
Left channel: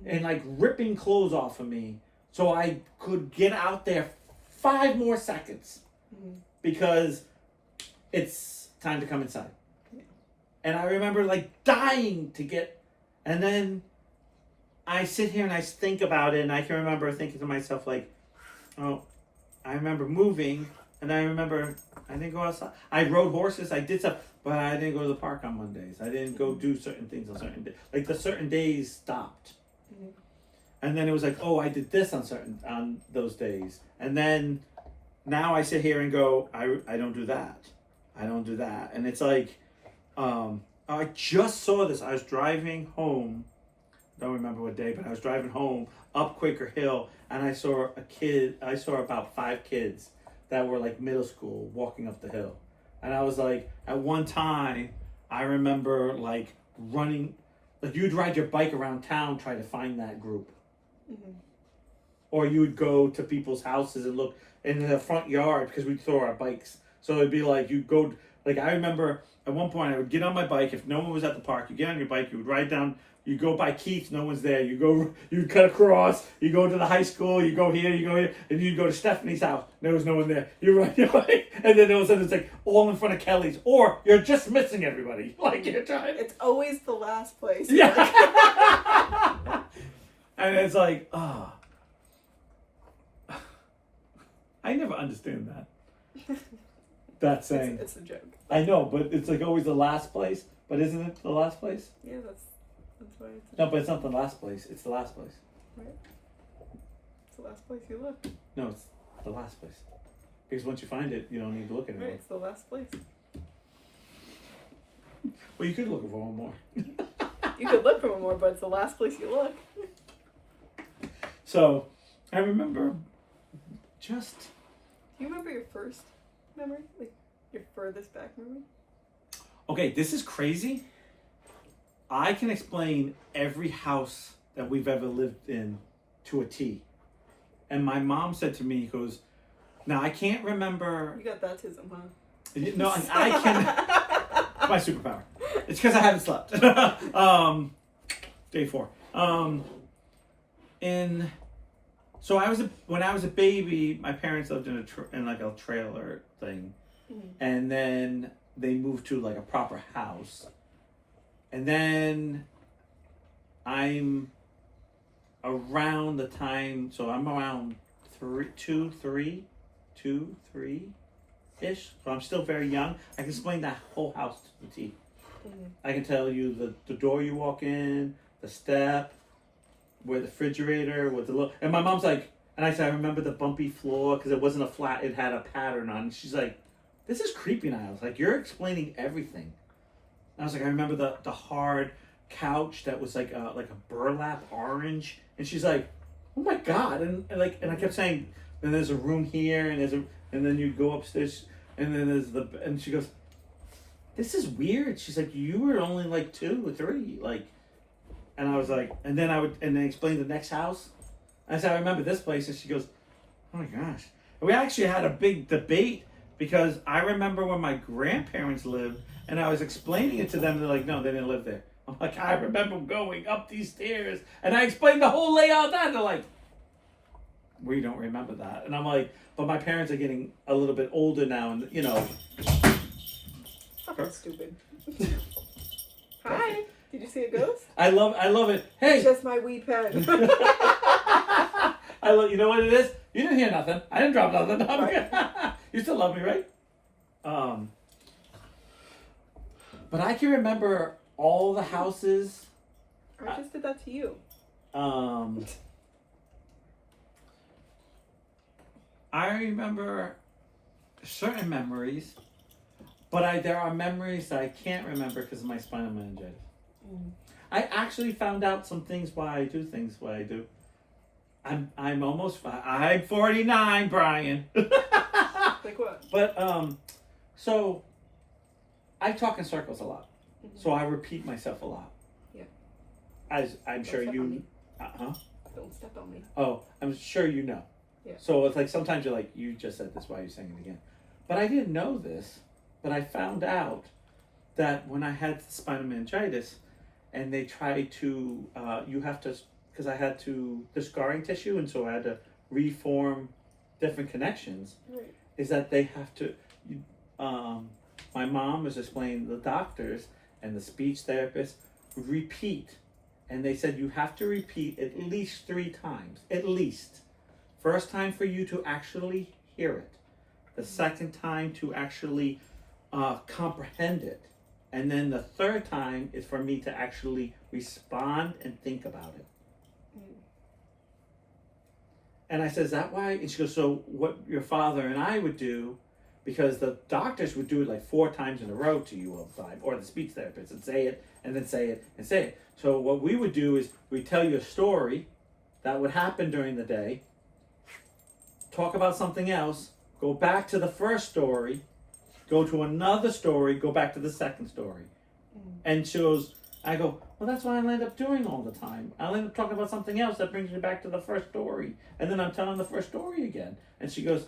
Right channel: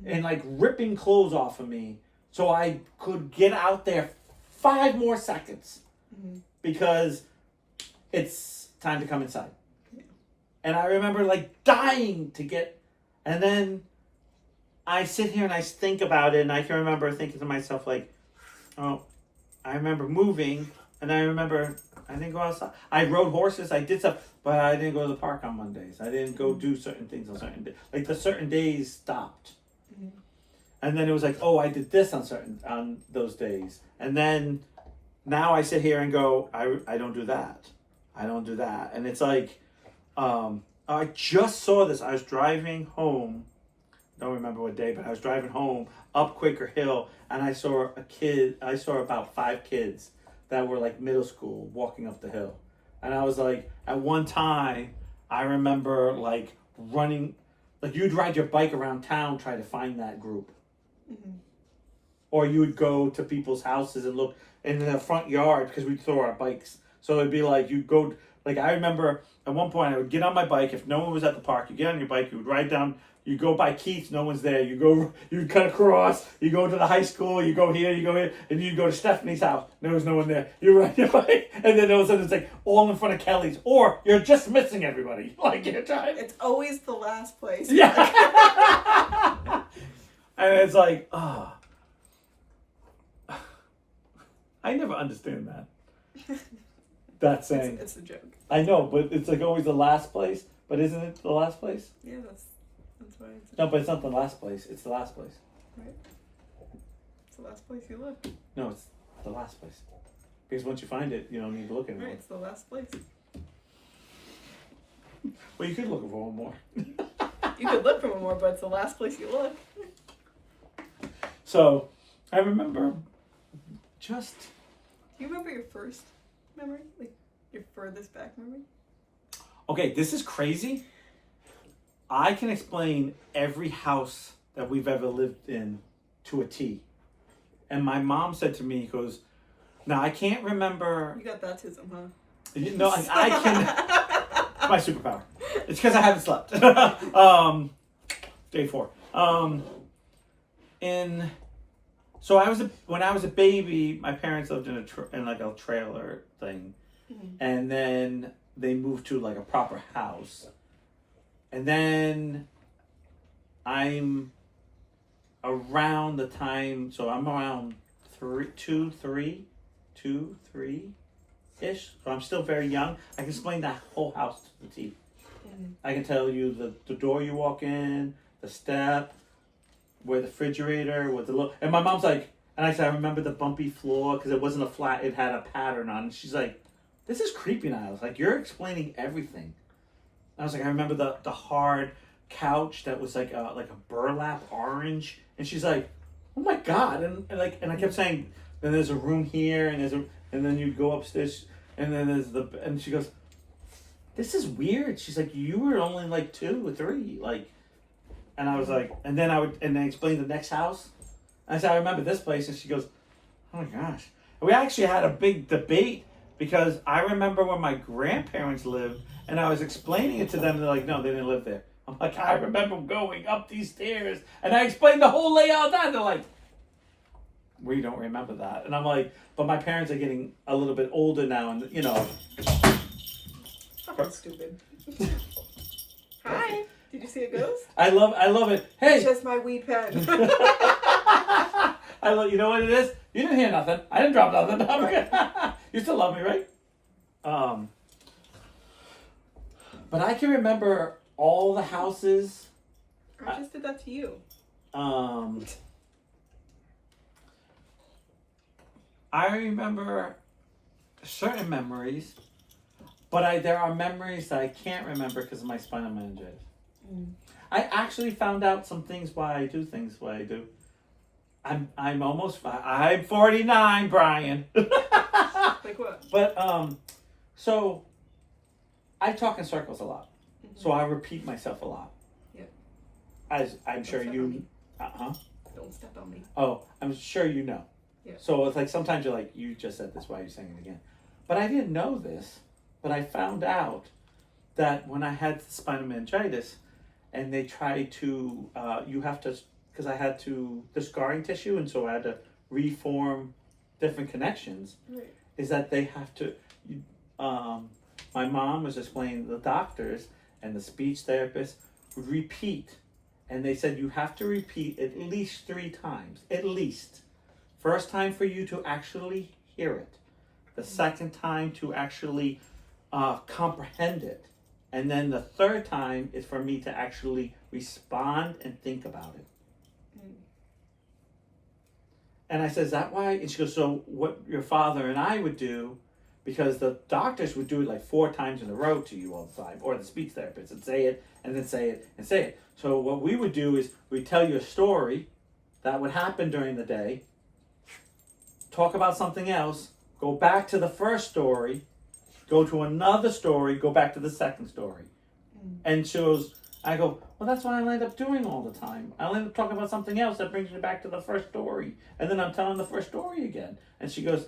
and like ripping clothes off of me so I could get out there 5 more seconds because it's time to come inside. Yeah. And I remember like dying to get, and then I sit here and I think about it, and I can remember thinking to myself like, oh, I remember moving, and I remember I didn't go outside. I rode horses, I did stuff, but I didn't go to the park on Mondays. I didn't go do certain things on certain days. Like the certain days stopped. And then it was like, oh, I did this on those days. And then now I sit here and go, I don't do that. I don't do that. And it's like, I just saw this. I was driving home. Don't remember what day, but I was driving home up Quaker Hill, and I saw about 5 kids that were like middle school walking up the hill. And I was like, at one time, I remember like running, like you'd ride your bike around town trying to find that group. Or you would go to people's houses and look in the front yard because we'd throw our bikes. So it'd be like, you'd go, like I remember at one point I would get on my bike. If no one was at the park, you get on your bike, you would ride down You go by Keith, no one's there. You cut across, you go to the high school, you go here, and you go to Stephanie's house. There was no one there. You're right. And then all of a sudden it's like all in front of Kelly's. Or you're just missing everybody. Like you're trying. It's always the last place. Yeah. And it's like, oh. I never understand that. That saying. It's a joke. I know, but it's like always the last place. But isn't it the last place? Yeah, that's why it's a No, joke. but it's not the last place. It's the last place. Right. It's the last place you look. No, it's the last place. Because once you find it, you don't need to look anymore. Right, it's the last place. Well, you could look for one more. You could look for one more, but it's the last place you look. So, I remember just... Do you remember your first memory? Like, your furthest back memory? Okay, this is crazy. I can explain every house that we've ever lived in to a T. And my mom said to me, he goes, now I can't remember... You got baptism, huh? No, I can... my superpower. It's because I haven't slept. Day 4. So when I was a baby, my parents lived in like a trailer thing, and then they moved to like a proper house, and then I'm around the time. So I'm around 3 ish. So I'm still very young. I can explain that whole house to the T. I can tell you the door you walk in, the step, where the refrigerator, with the and my mom's like, and I said, I remember the bumpy floor because it wasn't a flat, it had a pattern on it. She's like, this is creepy now. I was like, you're explaining everything. I was like, I remember the hard couch that was like a burlap orange, and she's like, oh my god, and I kept saying, then there's a room here, and then you go upstairs, and then and she goes, this is weird. She's like, you were only like 2 or 3, like. And I was like, and then I explained the next house. I said, I remember this place. And she goes, oh my gosh. And we actually had a big debate because I remember when my grandparents lived and I was explaining it to them. And they're like, no, they didn't live there. I'm like, I remember going up these stairs and I explained the whole layout of that. And they're like, we don't remember that. And I'm like, but my parents are getting a little bit older now. And, you know. Fucking stupid. Hi. Did you see a ghost? I love it. Hey. It's just my weed pen. You know what it is? You didn't hear nothing. I didn't drop nothing. Right. You still love me, right? But I can remember all the houses. I just did that to you. I remember certain memories, but there are memories that I can't remember because of my spinal meningitis. I actually found out some things why I do things why I do. I'm 49, Brian. Like what? But so I talk in circles a lot. So I repeat myself a lot. Yeah. As I'm sure you Don't step on me. Oh, I'm sure you know. Yeah. So it's like sometimes you're like, you just said this, why are you saying it again? But I didn't know this, but I found out that when I had spinal meningitis and they tried to, you have to, because I had the scarring tissue, and so I had to reform different connections, Right. is that they have to, my mom was explaining the doctors and the speech therapists would repeat, and they said you have to repeat at least 3 times, at least. First time for you to actually hear it. The second time to actually comprehend it. And then the third time is for me to actually respond and think about it. And I said, is that why? And she goes, so what your father and I would do, because the doctors would do it like 4 times in a row to you all the time, or the speech therapist, and say it, and then say it, and say it. So what we would do is we'd tell you a story that would happen during the day, talk about something else, go back to the first story, go to another story, go back to the second story. And she goes, I go, well, that's what I end up doing all the time. I'll end up talking about something else that brings me back to the first story. And then I'm telling the first story again. And she goes,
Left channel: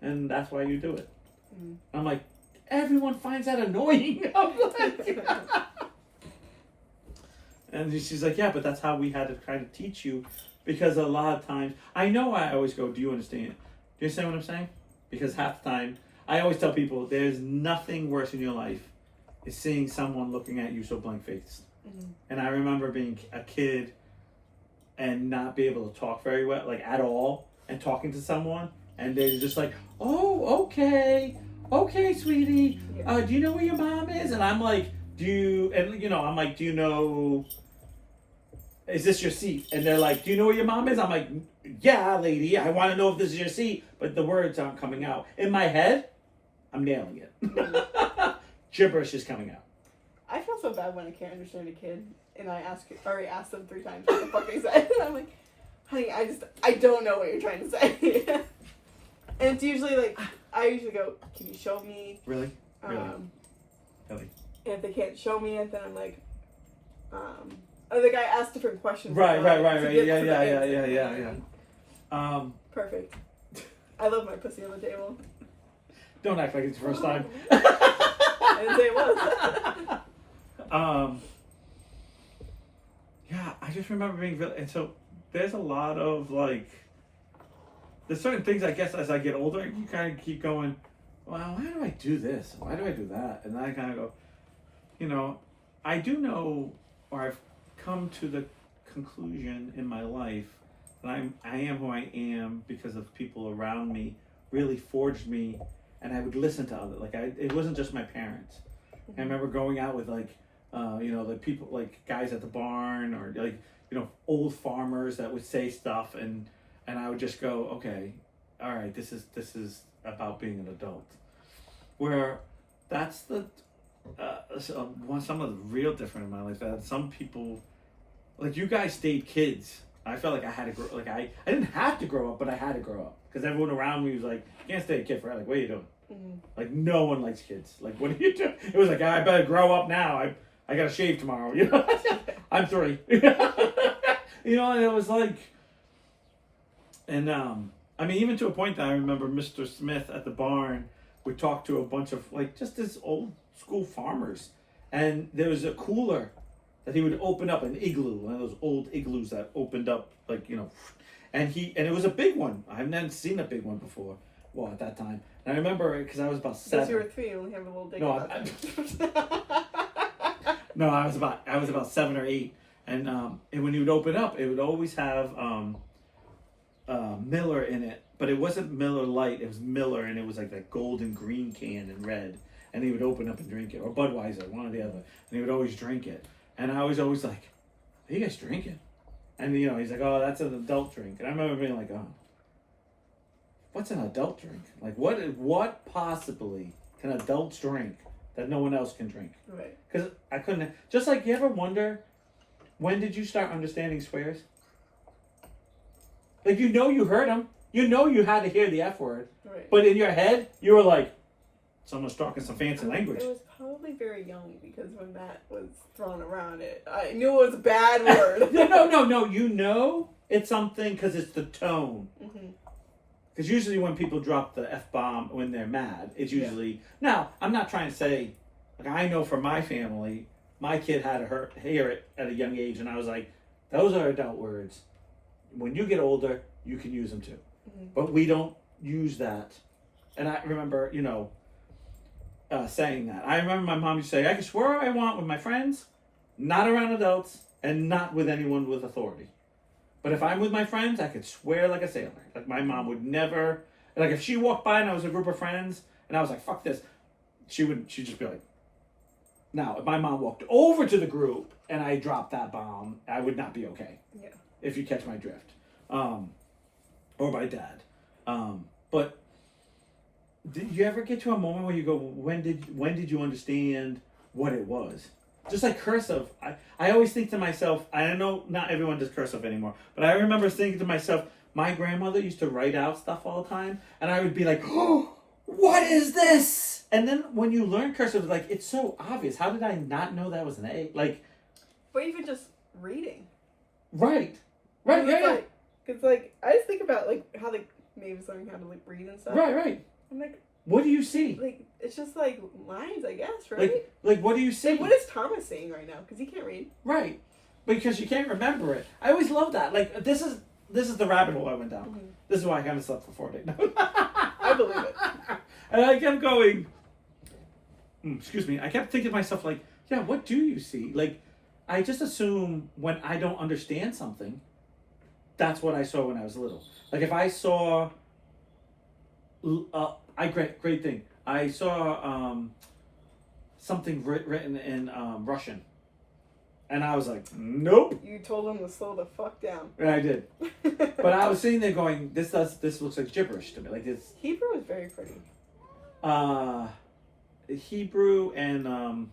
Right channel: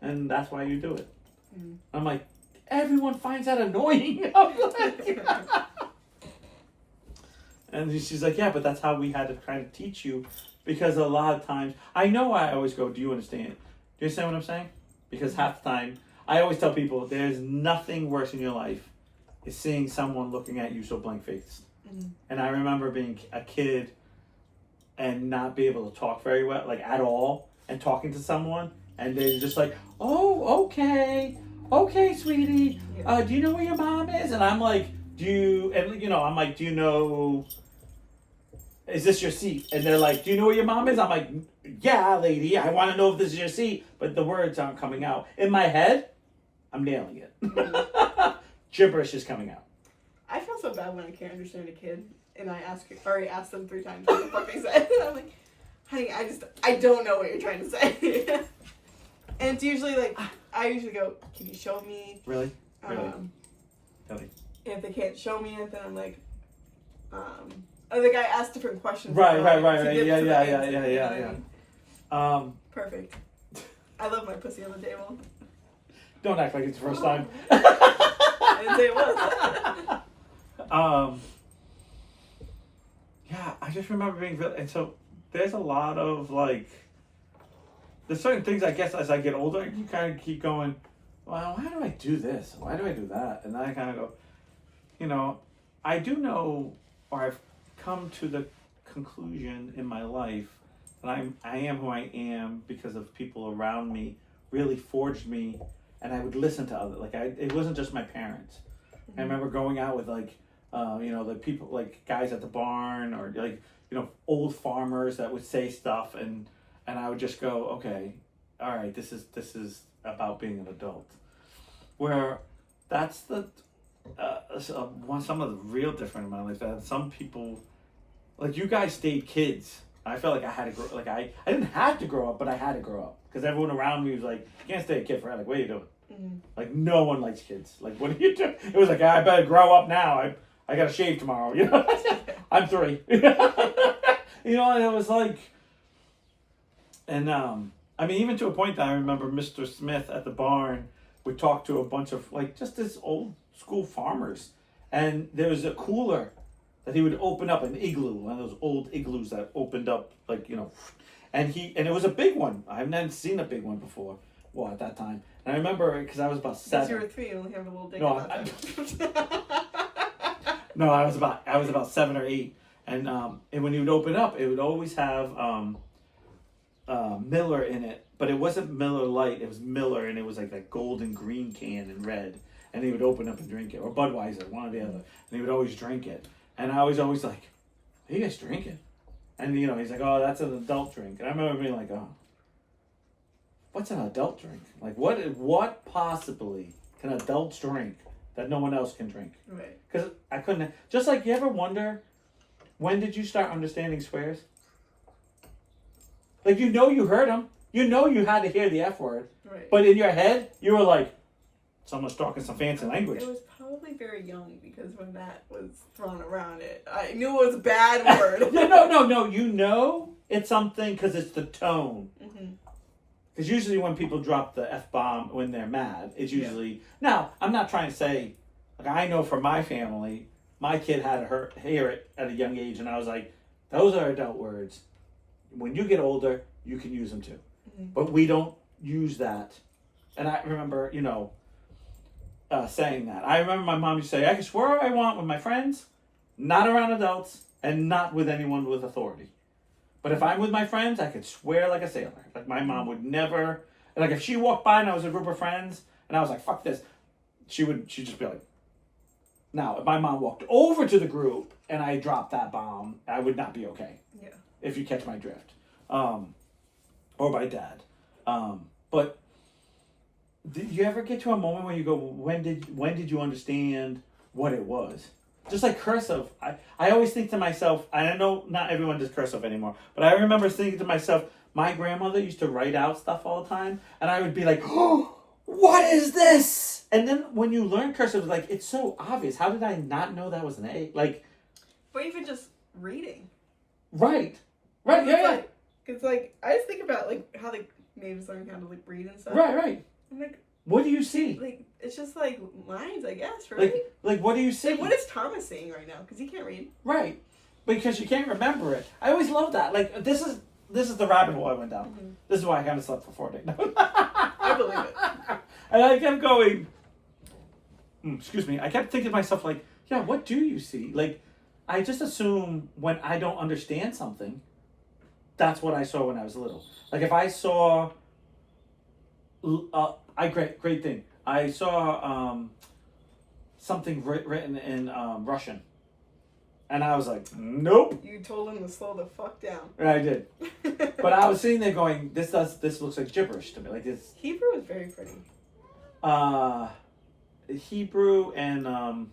and that's why you do it. I'm like, everyone finds that annoying. I'm like, And she's like, yeah, but that's how we had to kind of teach you, because a lot of times, I know I always go, do you understand? Do you understand what I'm saying? Because half the time, I always tell people, there is nothing worse in your life is seeing someone looking at you so blank-faced. Mm-hmm. And I remember being a kid and not be able to talk very well, like at all, and talking to someone, and they're just like, oh, okay, sweetie, Yeah. do you know where your mom is? And I'm like, do you know, is this your seat? And they're like, do you know where your mom is? I'm like, yeah, lady, I want to know if this is your seat, but the words aren't coming out. In my head, I'm nailing it. Mm-hmm. Gibberish is coming out. I feel so bad when I can't understand a kid, and I already asked them 3 times what the fuck they said. I'm like, honey, I don't know what you're trying to say. And it's usually like, I usually go, can you show me? Really? Really? If they can't show me it, then I'm like, or the guy asks different questions. Right. Yeah. Perfect. I love my pussy on the table. Don't act like it's the first time. I didn't say it was. Yeah, I just remember being, and so there's a lot of like, there's certain things, I guess, as I get older, you kind of keep going, well, why do I do this? Why do I do that? And then I kind of go, I do know, or I've come to the conclusion in my life that I am who I am because of people around me really forged me, and I would listen to others. Like, it wasn't just my parents. Mm-hmm. I remember going out with the people, like guys at the barn, or like, old farmers that would say stuff, and I would just go, okay, all right, this is about being an adult. Where that's some of the real different in my life. That some people, like you guys, stayed kids. I felt like I had to grow. Like I didn't have to grow up, but I had to grow up because everyone around me was like, "You can't stay a kid forever." Like, what are you doing? Mm-hmm. Like, no one likes kids. Like, what are you doing? It was like, I better grow up now. I gotta shave tomorrow. I'm 3. And it was like, and I mean, even to a point that I remember Mr. Smith at the barn would talk to a bunch of like just this old school farmers, and there was a cooler that he would open up, an igloo, one of those old igloos that opened up, like, and it was a big one. I hadn't seen a big one before. Well, at that time, and I remember because I was about 7. Because you were 3, you only have a little dick. No, I was about 7 or 8, and when he would open up, it would always have Miller in it, but it wasn't Miller Lite. It was Miller, and it was like a golden green can in red, and he would open up and drink it, or Budweiser, one or the other, and he would always drink it. And I was always like, "Are you guys drinking?" And he's like, "Oh, that's an adult drink." And I remember being like, "Oh, what's an adult drink? Like, what possibly can adults drink that no one else can drink?" Right. Because I couldn't. Just like, you ever wonder, when did you start understanding swears? Like, you heard them. You had to hear the F word. Right. But in your head, you were like, someone's talking some fancy language. It was probably very young, because when that was thrown around, I knew it was a bad word. No. It's something because it's the tone. Because usually when people drop the F-bomb when they're mad, it's usually... Now, I'm not trying to say... Like, I know for my family, my kid had to hear it at a young age, and I was like, those are adult words. When you get older, you can use them too. But we don't use that. And I remember, saying that. I remember my mom used to say, I can swear what I want with my friends, not around adults, and not with anyone with authority. But if I'm with my friends, I could swear like a sailor. Like, my mom would never... Like, if she walked by and I was a group of friends, and I was like, fuck this, she'd just be like... Now, if my mom walked over to the group and I dropped that bomb, I would not be okay. Yeah. If you catch my drift. Or my dad. But did you ever get to a moment where you go, when did you understand what it was? Just like cursive. I always think to myself, I know not everyone does cursive anymore, but I remember thinking to myself, my grandmother used to write out stuff all the time, and I would be like, oh, what is this? And then when you learn cursive, like, it's so obvious. How did I not know that was an A? Like, but even just reading. Right. Right, yeah. Because, like, I just think about, like, how the natives learn how to, like, read and stuff. Right. I'm like... What do you see? Like, it's just, like, lines, I guess, right? Like what do you see? Like, what is Thomas saying right now? Because he can't read. Right. because you can't remember it. I always love that. Like this is the rabbit hole I went down. Mm-hmm. This is why I haven't slept for 4 days. I believe it. And I kept going. Excuse me. I kept thinking to myself like, yeah, what do you see? Like, I just assume when I don't understand something, that's what I saw when I was little. Like if I saw, great thing. I saw something written in Russian, and I was like, nope. You told him to slow the fuck down. And I did, but I was sitting there going, this looks like gibberish to me. Like this. Hebrew is very pretty. Hebrew and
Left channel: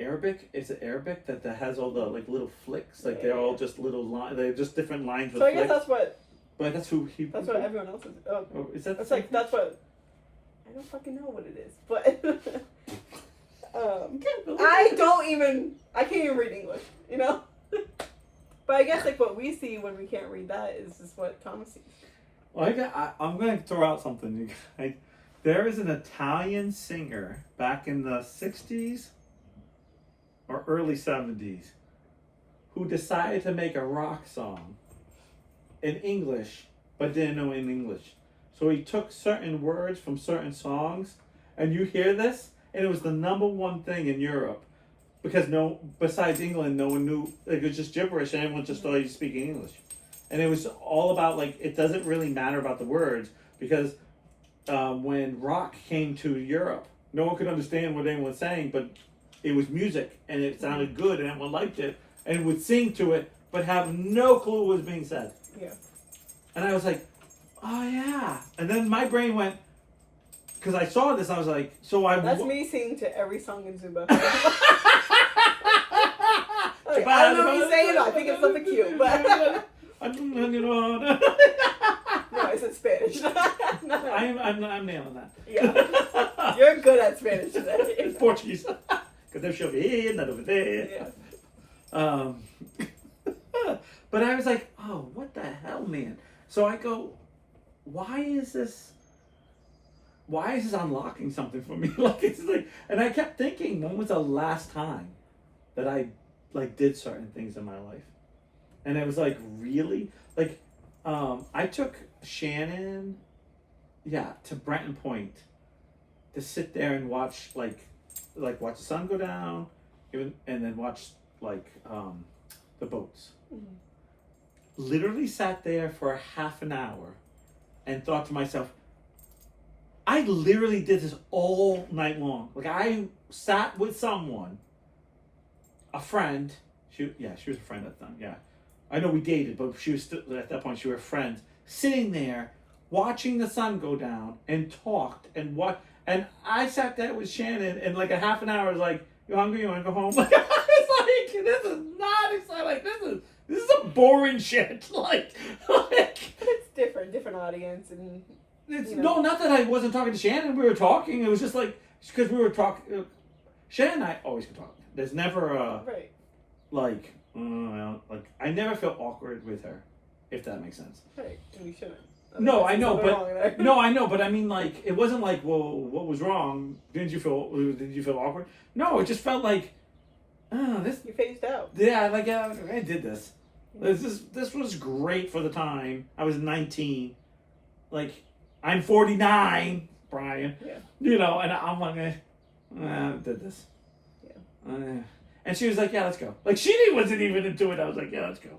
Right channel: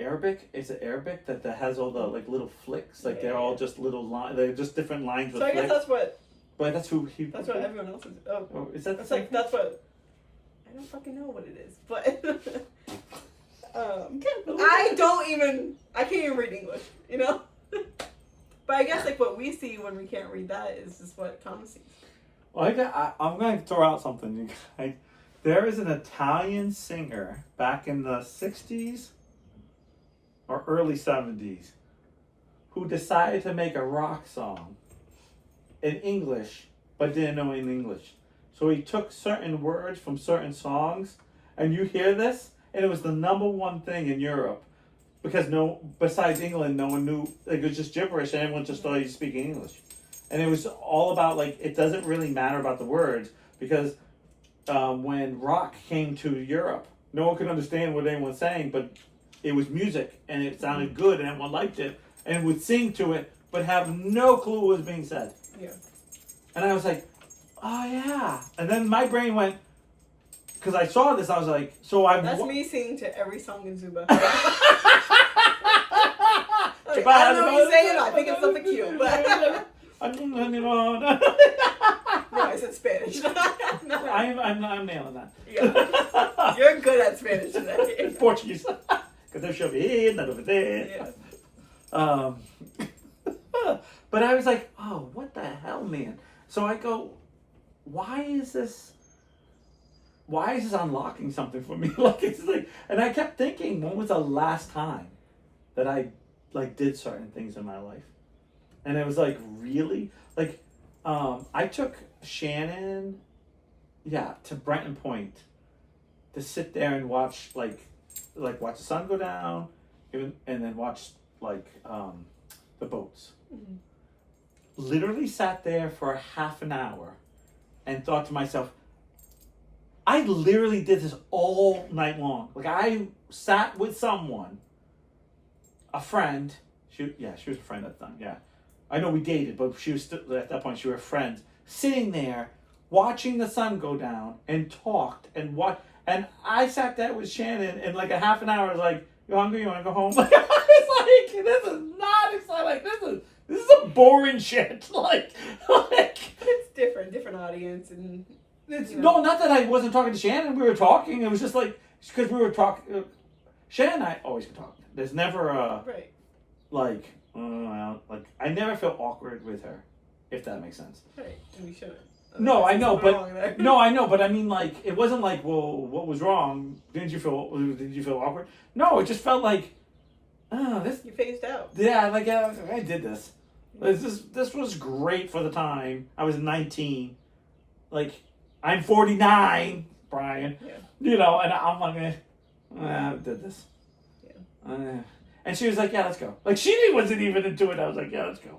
Arabic. Is it Arabic that has all the like little flicks? Like they're all just little lines. They're just different lines. So I guess that's what. But that's who Hebrew. That's what everyone else is. Oh, is that? That's like that's what. I don't fucking know what it is, but I can't even read English, you know. But I guess like what we see when we can't read that is just what Thomas sees. Well, I'm going to throw out something. There is an Italian singer back in the 60s or early 70s who decided to make a rock song in English, but didn't know any English. So he took certain words from certain songs, and you hear this, and it was the #1 thing in Europe, because besides England, no one knew. It was just gibberish, and everyone just thought he was speaking English. And it was all about like it doesn't really matter about the words, because when rock came to Europe, no one could understand what anyone was saying, but it was music, and it sounded good, and everyone liked it, and would sing to it, but have no clue what was being said. Yeah. And I was like, oh yeah. And then my brain went, because I saw this, I was like, That's me singing to every song in Zuba. Like, I don't know what you're saying, I think it's something cute, but... No, I said Spanish. No. I'm nailing that. Yeah. You're good at Spanish today. It's Portuguese. Because there's over here, not over there. Yeah. But I was like, oh, what the hell, man? So I go, why is this unlocking something for me? Like it's like, and I kept thinking, when was the last time that I like did certain things in my life? And it was like, really? Like, I took Shannon, to Brenton Point to sit there and watch watch the sun go down, and then watch the boats. Mm-hmm. Literally sat there for half an hour and thought to myself, I literally did this all night long. Like I sat with someone, a friend. She was a friend at the time. Yeah, I know we dated, but she was still, at that point. She was friends, sitting there watching the sun go down and talked and what. And I sat there with Shannon, and like a half an hour, I was like, "You hungry? You want to go home?" It's like this is not exciting. Like this is a boring shit. Like it's different audience, and it's no, not that I wasn't talking to Shannon. We were talking. It was just like because we were talking. Shannon and I always can talk. There's never a right. Like I never feel awkward with her, if that makes sense. Right, and you shouldn't. No, I know, but no, I know, but I mean, like, it wasn't like, well, what was wrong? Did you feel awkward? No, it just felt like, this. You phased out. Yeah, like I did this. This was great for the time. I was 19. Like, I'm 49, Brian. Yeah. You know, and I'm like, I did this. Yeah. And she was like, yeah, let's go. Like, she wasn't even into it. I was like, yeah, let's go.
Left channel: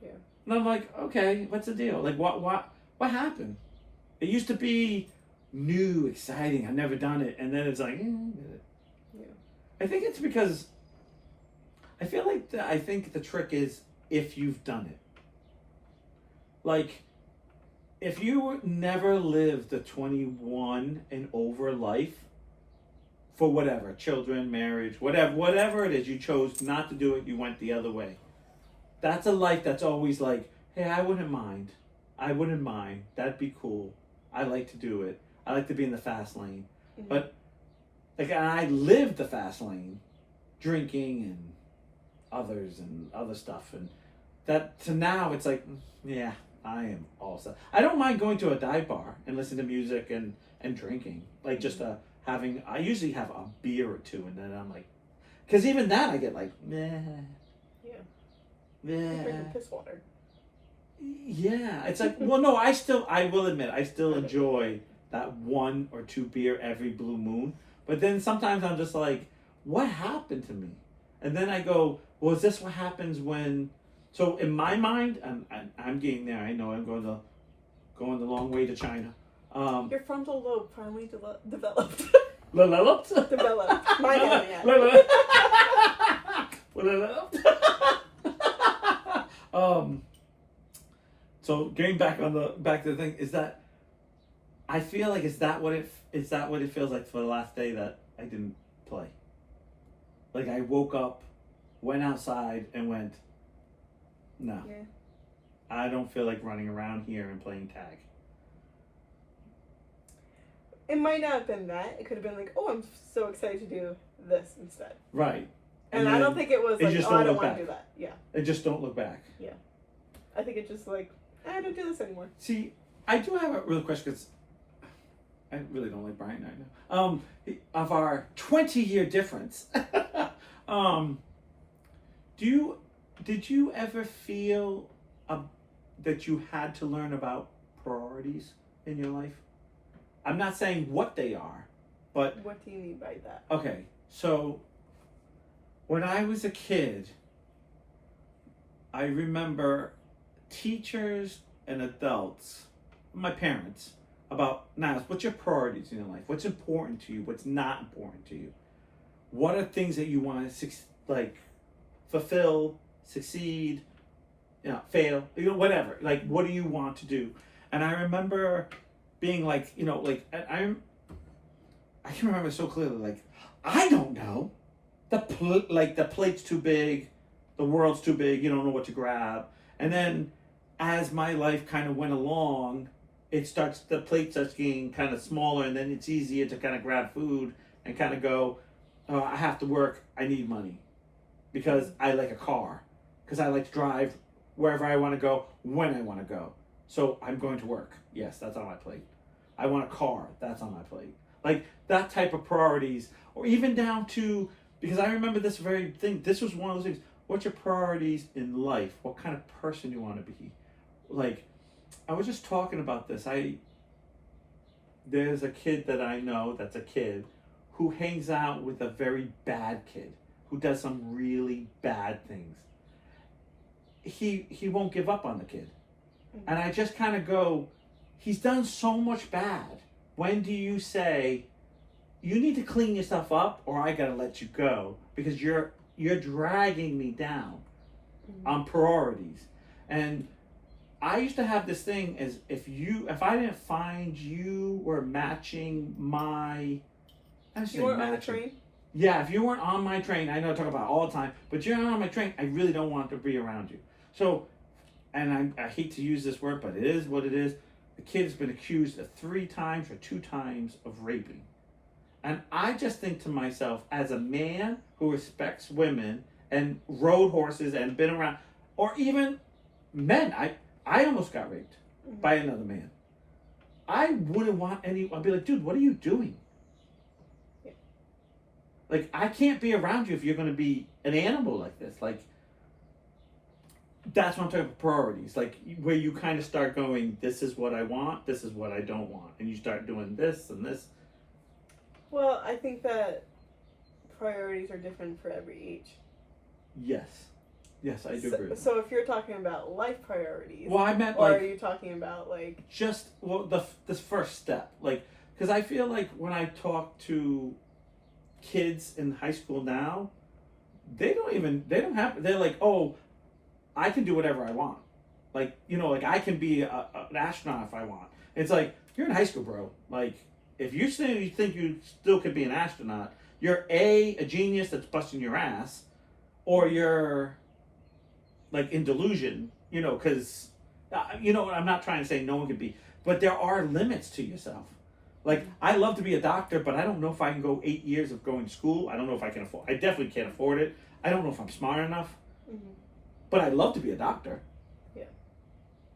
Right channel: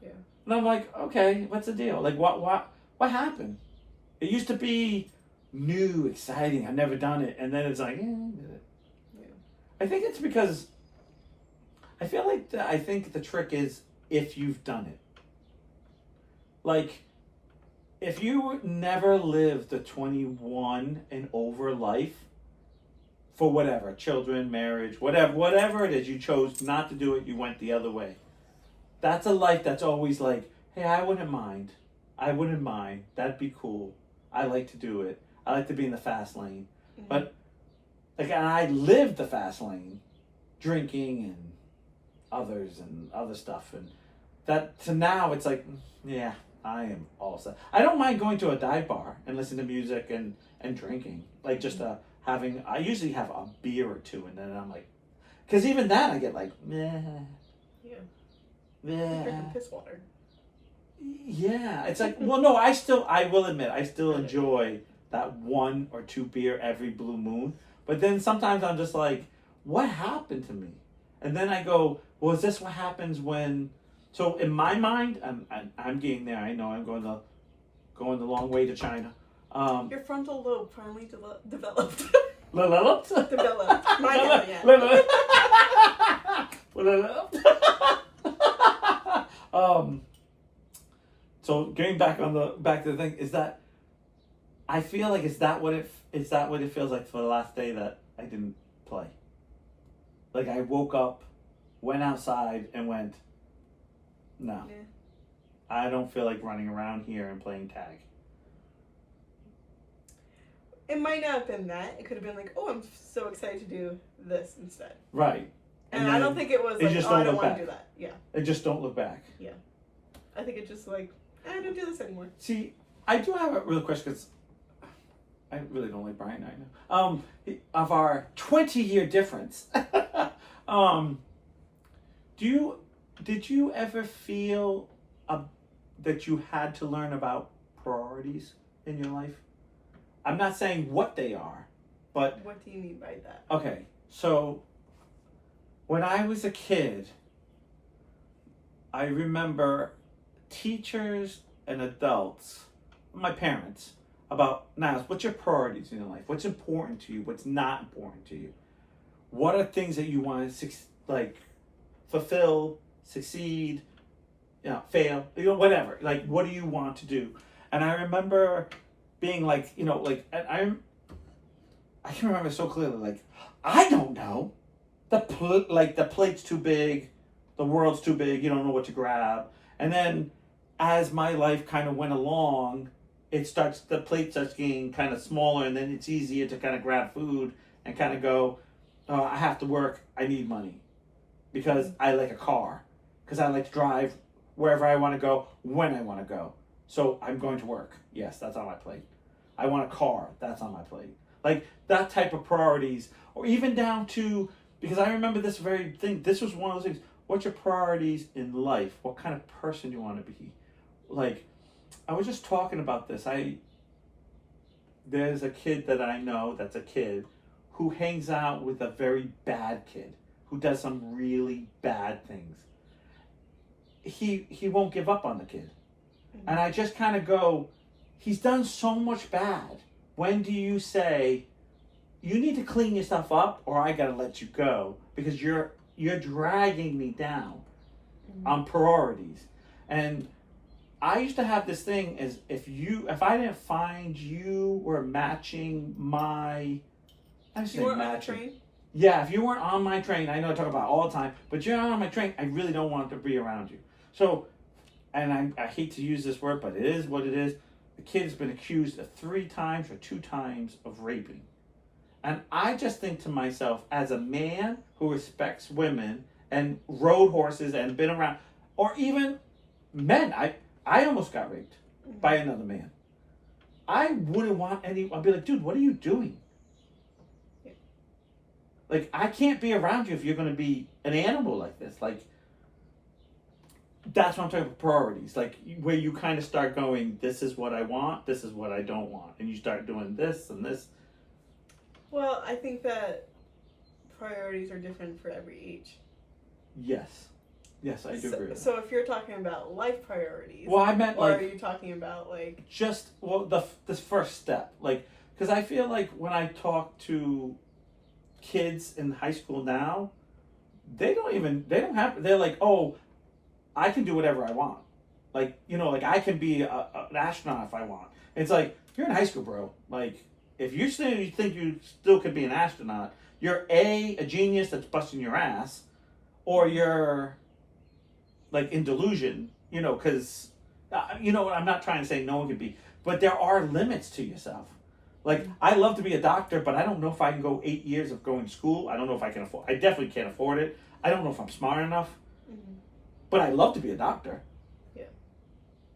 Yeah. And I'm like, okay, what's the deal? Like, what happened? It used to be new, exciting. I've never done it. And then it's like, I did it. Yeah. I think it's because I feel like I think the trick is if you've done it. Like, if you never lived the 21 and over life, for whatever, children, marriage, whatever it is, you chose not to do it, you went the other way. That's a life that's always like, hey, I wouldn't mind. That'd be cool. I like to do it. I like to be in the fast lane. Mm-hmm. But, like, and I lived the fast lane, drinking and others and other stuff. And that, to now, it's like, yeah, I am all set. I don't mind going to a dive bar and listening to music and drinking. Like, just I usually have a beer or two, and then I'm like, because even that I get like, meh. Yeah. You're drinking piss water. Yeah, it's like, well, no, I will admit, I still enjoy that 1 or 2 beer every blue moon. But then sometimes I'm just like, what happened to me? And then I go, well, is this what happens when? So in my mind, I'm getting there. I know I'm going the long way to China. Your frontal lobe finally developed. Developed. Mine hasn't yet. So getting back to the thing is that I feel like is that what it feels like for the last day that I didn't play. Like I woke up, went outside, and went, no. Yeah. I don't feel like running around here and playing tag. It might not have been that. It could have been like, oh, I'm so excited to do this instead. Right. And I don't think it was like, oh, I don't want to do that. Yeah. And just don't look back. Yeah. I think it's just like, I don't do this anymore. See, I do have a real question because I really don't like Brian right now. Of our 20-year difference, did you ever feel that you had to learn about priorities in your life? I'm not saying what they are, but what do you mean by that? Okay, so when I was a kid, I remember teachers and adults, my parents, about, now, what's your priorities in your life? What's important to you? What's not important to you? What are things that you want to, fulfill, succeed, fail, whatever. Like, what do you want to do? And I remember being like, I can remember so clearly, like, I don't know. The plate's too big, the world's too big, you don't know what to grab. And then as my life kind of went along, the plate starts getting kind of smaller, and then it's easier to kind of grab food and kind of go, oh, I have to work, I need money. Because I like a car. Because I like to drive wherever I want to go, when I want to go. So I'm going to work. Yes, that's on my plate. I want a car. That's on my plate. Like that type of priorities, or even down to, because I remember this very thing. This was one of those things. What's your priorities in life? What kind of person you want to be? Like, I was just talking about this. There's a kid that I know that's a kid who hangs out with a very bad kid who does some really bad things. He won't give up on the kid. And I just kind of go, he's done so much bad. When do you say, you need to clean yourself up or I gotta let you go because you're dragging me down on priorities. And I used to have this thing as if I didn't find you were matching my, you weren't on the train? Yeah, if you weren't on my train, I know I talk about it all the time, but you're not on my train, I really don't want to be around you. So, and I hate to use this word, but it is what it is. The kid has been accused of 3 times or 2 times of raping. And I just think to myself, as a man who respects women and rode horses and been around, or even men, I almost got raped by another man. I wouldn't want I'd be like, dude, what are you doing? Yeah. Like, I can't be around you if you're going to be an animal like this. Like, that's what I'm talking about, priorities. Like, where you kind of start going, this is what I want, this is what I don't want. And you start doing this and this. Well, I think that priorities are different for every age. Yes. Yes, I do agree. So if you're talking about life priorities, well, I meant or like, are you talking about like just this first step, like, because I feel like when I talk to kids in high school now, they're like, oh, I can do whatever I want, like, like I can be an astronaut if I want. It's like, you're in high school, bro. Like, if you think you still could be an astronaut, you're a genius that's busting your ass, or you're like in delusion, because, I'm not trying to say no one could be, but there are limits to yourself. Like, I love to be a doctor, but I don't know if I can go 8 years of going to school. I don't know if I can afford, I definitely can't afford it. I don't know if I'm smart enough, but I love to be a doctor. Yeah.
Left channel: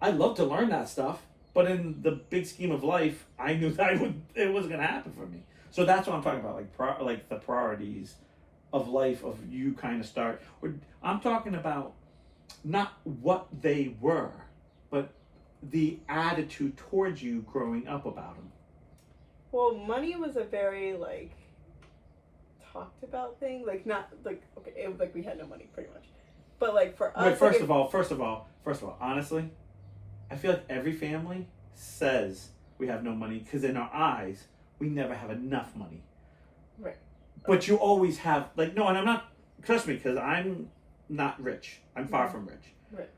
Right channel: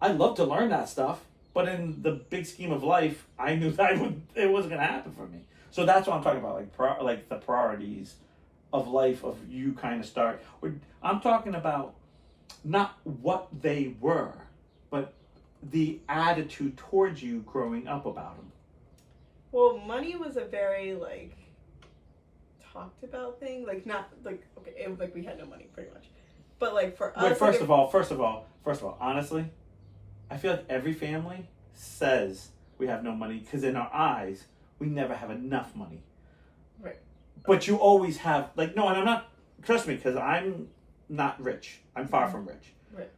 I love to learn that stuff, but in the big scheme of life, I knew that it wasn't going to happen for me. So that's what I'm talking about, like the priorities of life, of you kind of start. I'm talking about not what they were, but the attitude towards you growing up about them. Well, money was a very like talked about thing. Like not like okay, it was like we had no money pretty much, but like for us. Wait, first like, of all, honestly, I feel like every family says we have no money because in our eyes we never have enough money. Right. But you always have like no, and I'm not. Trust me, because I'm not rich. I'm far from rich. Right.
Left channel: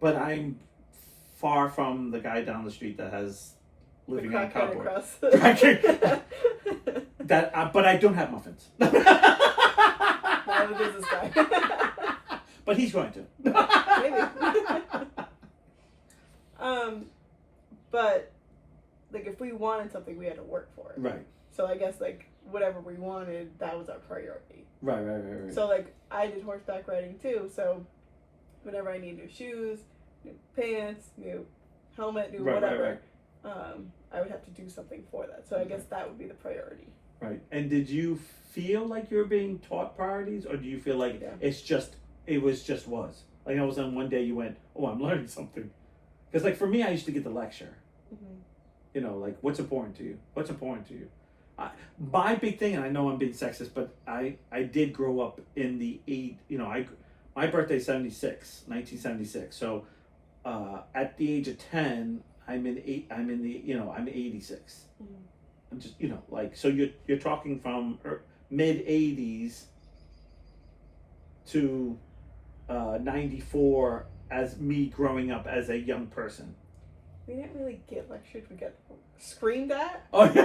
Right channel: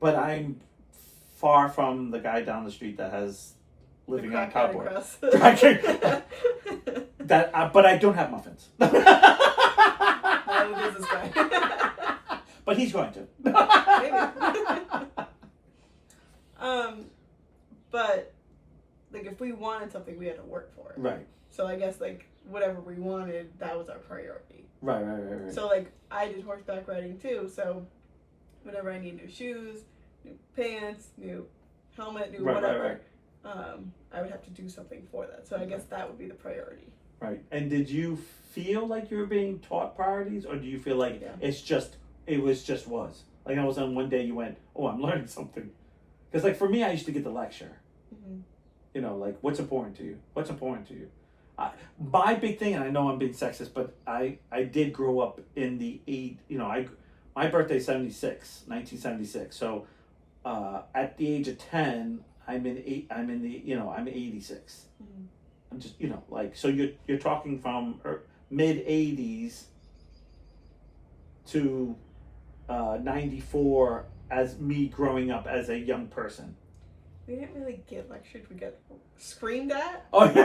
But I'm far from the guy down the street that has living on cardboard. But I don't have muffins. I'm a business guy. But he's going to. Maybe. But like if we wanted something, we had to work for it. Right. So I guess like whatever we wanted, that was our priority. Right. So like I did horseback riding too. So whenever I need new shoes, new pants, new helmet, new whatever, I would have to do something for that. So I guess that would be the priority. Right. And did you feel like you were being taught priorities, or do you feel like it was just like all of a sudden one day you went, oh, I'm learning something? Because like for me, I used to get the lecture. Mm-hmm. You know, like what's important to you? What's important to you? My big thing, and I know I'm being sexist, but I did grow up in the my birthday's 1976. So at the age of 10, I'm 86. Mm-hmm. I'm just like so you're talking from mid 80s to 94 as me growing up as a young person. We didn't really get lectured. We got screamed at. Oh, yeah.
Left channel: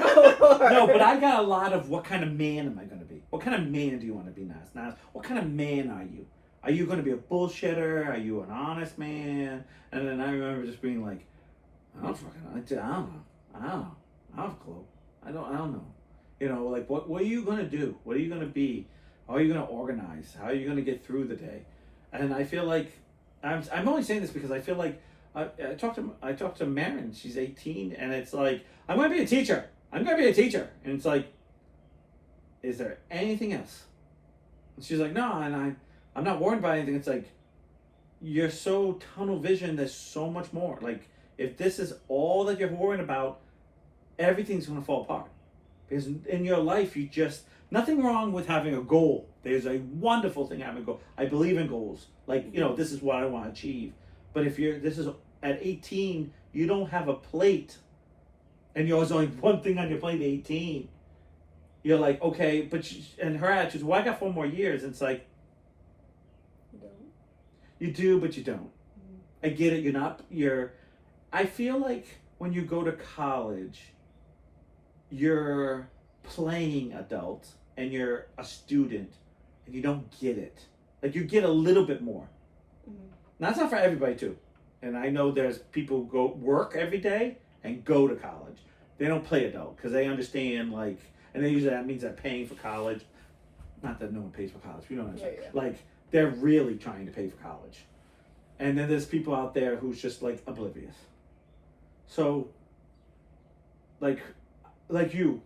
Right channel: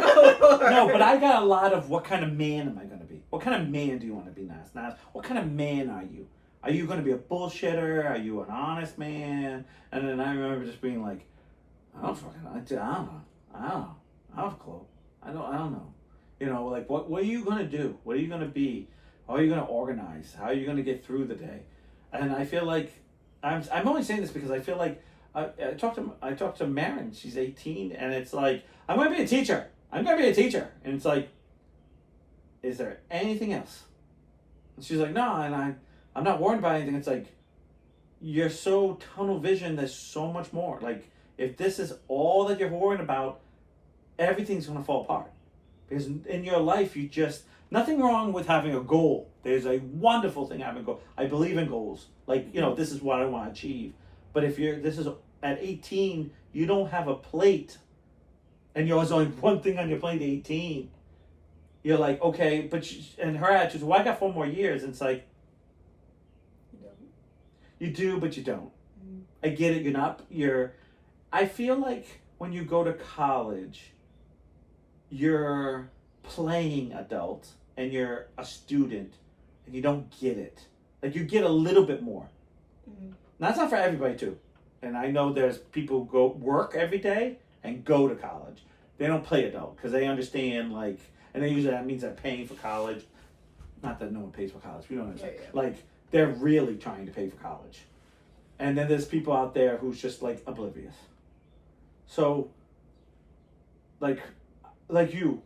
No, but I got a lot of what kind of man am I going to be? What kind of man do you want to be, Nas? What kind of man are you? Are you going to be a bullshitter? Are you an honest man? And then I remember just being like, I don't know. I don't have a clue. I don't know. You know, like what are you going to do? What are you going to be? How are you going to organize? How are you going to get through the day? And I feel like I'm only saying this because I feel like I talked to Marin. She's 18, and it's like I'm going to be a teacher. And it's like, is there anything else? And she's like, no, and I'm not worried about anything. It's like you're so tunnel vision. There's so much more. Like if this is all that you're worrying about, everything's going to fall apart. Because in your life, nothing wrong with having a goal. There's a wonderful thing having a goal. I believe in goals. Like, this is what I want to achieve. But if this is at 18, you don't have a plate, and there's only one thing on your plate at 18. You're like, okay, and her attitude is, well, I got 4 more years. And it's like, you don't. You do, but you don't. Mm-hmm. I get it. I feel like when you go to college, you're playing adult and you're a student and you don't get it. Like you get a little bit more. Mm-hmm. Now, that's not for everybody too. And I know there's people who go work every day and go to college. They don't play adult because they understand and then usually that means they're paying for college. Not that no one pays for college. You know what I'm saying? Yeah. Like they're really trying to pay for college. And then there's people out there who's just like oblivious. So like you,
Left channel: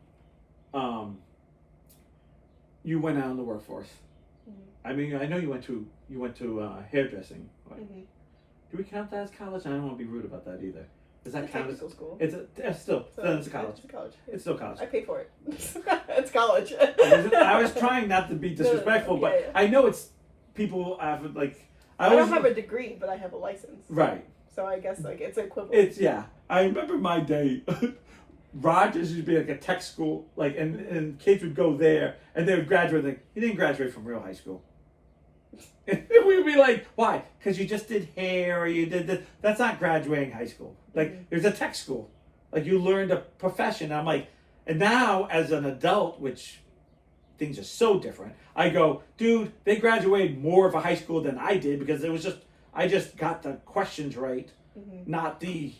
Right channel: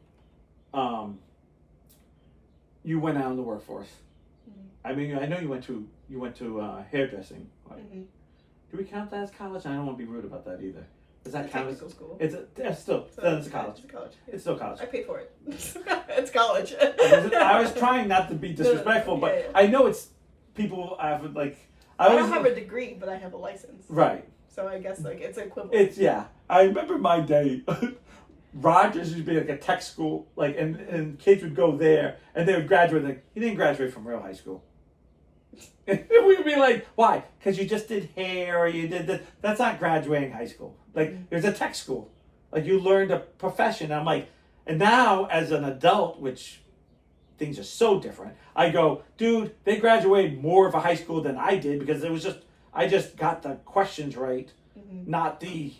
you went out in the workforce. Mm-hmm. I mean, I know you went to hairdressing. Mm-hmm. Do we count that as college? I don't want to be rude about that either. Does that count as school? It's still it's college. It's college. Yeah. It's still college. I pay for it. It's college. I was trying not to be disrespectful, but I know it's people have I don't have a degree, but I have a license. Right. So I guess it's equivalent. I remember my day. Rogers used to be like a tech school, and kids would go there and they would graduate. Like, you didn't graduate from real high school. We'd be like, why? Because you just did hair or you did this. That's not graduating high school. There's a tech school. You learned a profession. I'm like, and now as an adult, which things are so different, I go, dude, they graduated more of a high school than I did because I just got the questions right, not the...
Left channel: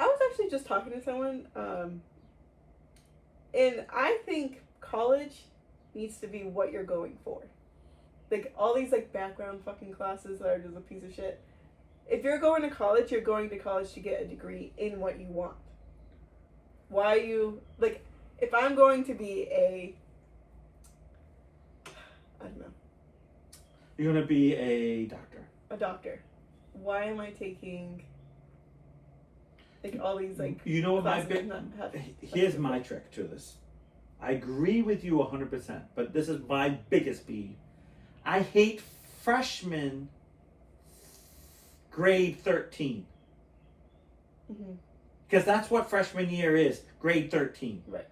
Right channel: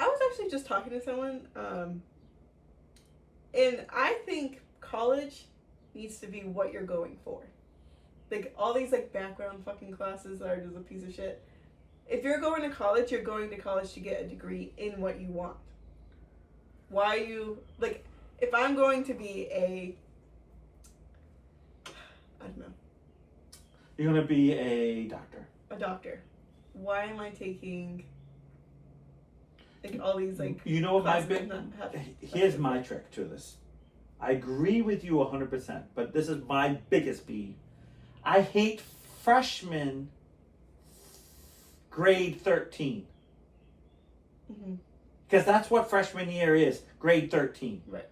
I was actually just talking to someone, and I think college needs to be what you're going for. All these background fucking classes that are just a piece of shit. If you're going to college, you're going to college to get a degree in what you want. Why you if I'm going to be I don't know. You're gonna be a doctor. a doctor, why am I taking like all these like You know what my classes and not have, here's my trick to this. I agree with you 100%, but this is my biggest peeve. I hate freshmen grade 13. Because that's what freshman year is, grade 13. Right.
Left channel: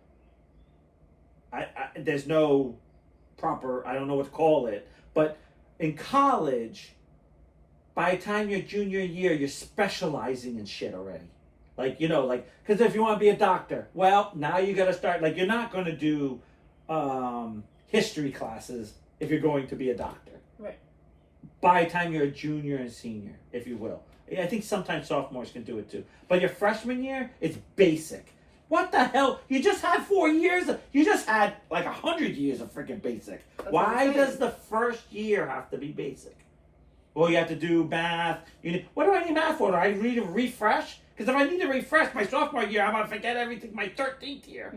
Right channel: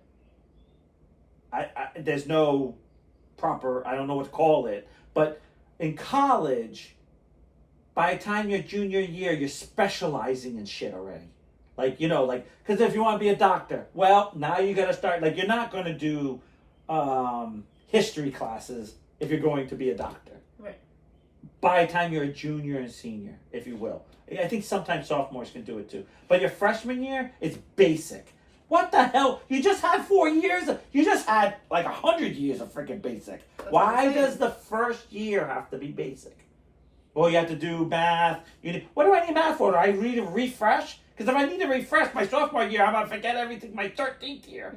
I there's no proper, I don't know what to call it, but in college, by the time you're junior year, you're specializing in shit already. Like, you know, like, because if you want to be a doctor, well, now you got to start, like, you're not going to do history classes if you're going to be a doctor. Right. By the time you're a junior and senior, if you will. I think sometimes sophomores can do it too. But your freshman year, it's basic. What the hell? You just had 4 years. You just had like 100 years of freaking basic. That's Why does the first year have to be basic? Well, you have to do math. What do I need math for? Do I need to refresh? Because if I need to refresh my sophomore year, I'm going to forget everything my 13th year.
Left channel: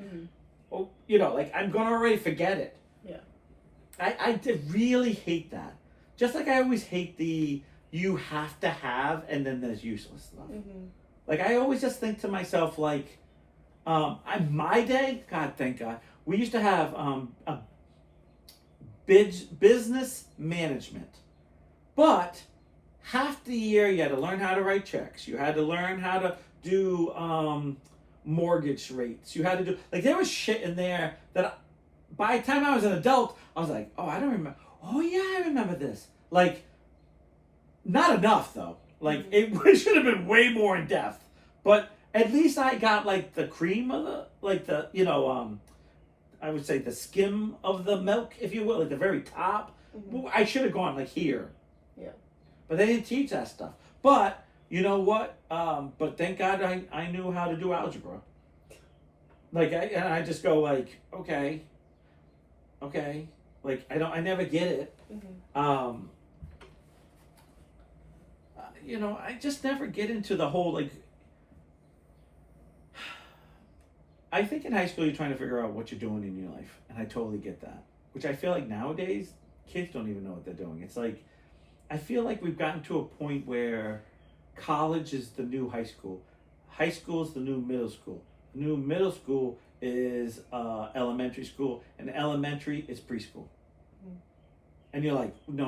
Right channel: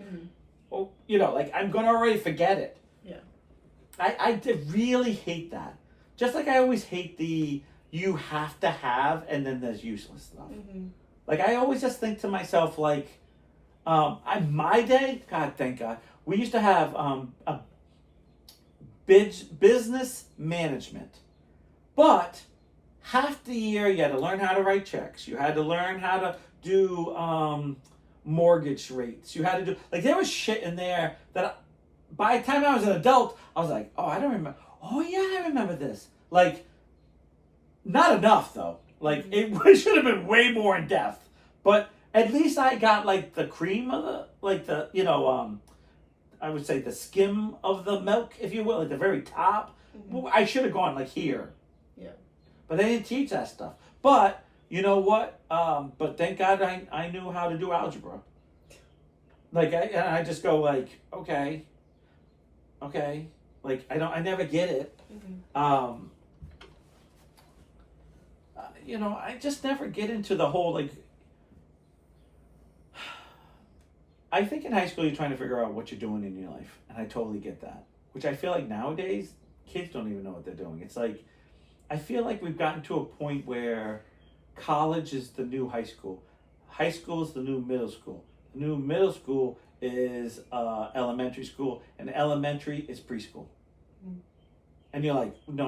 Well, you know, like I'm going to already forget it. Yeah. I really hate that. Just like I always hate the you have to have and then there's useless stuff. Like I always just think to myself like, my day, God, thank God, we used to have a business management. But half the year you had to learn how to write checks. You had to learn how to do mortgage rates. You had to do, like there was shit in there that by the time I was an adult, I was like, oh, I don't remember. Oh yeah, I remember this. Like, not enough though. Like it should have been way more in depth. But at least I got like the cream of the, like the, you know, I would say the skim of the milk, if you will, like the very top. I should have gone like here. Yeah. But they didn't teach that stuff. But you know what? But thank God I knew how to do algebra. Like I just go like, okay. Like I never get it. You know, I just never get into the whole like. I think in high school you're trying to figure out what you're doing in your life, and I totally get that. Which I feel like nowadays kids don't even know what they're doing. It's like I feel like we've gotten to a point where college is the new high school. High school is the new middle school. The new middle school is elementary school, and elementary is preschool. And you're like, no,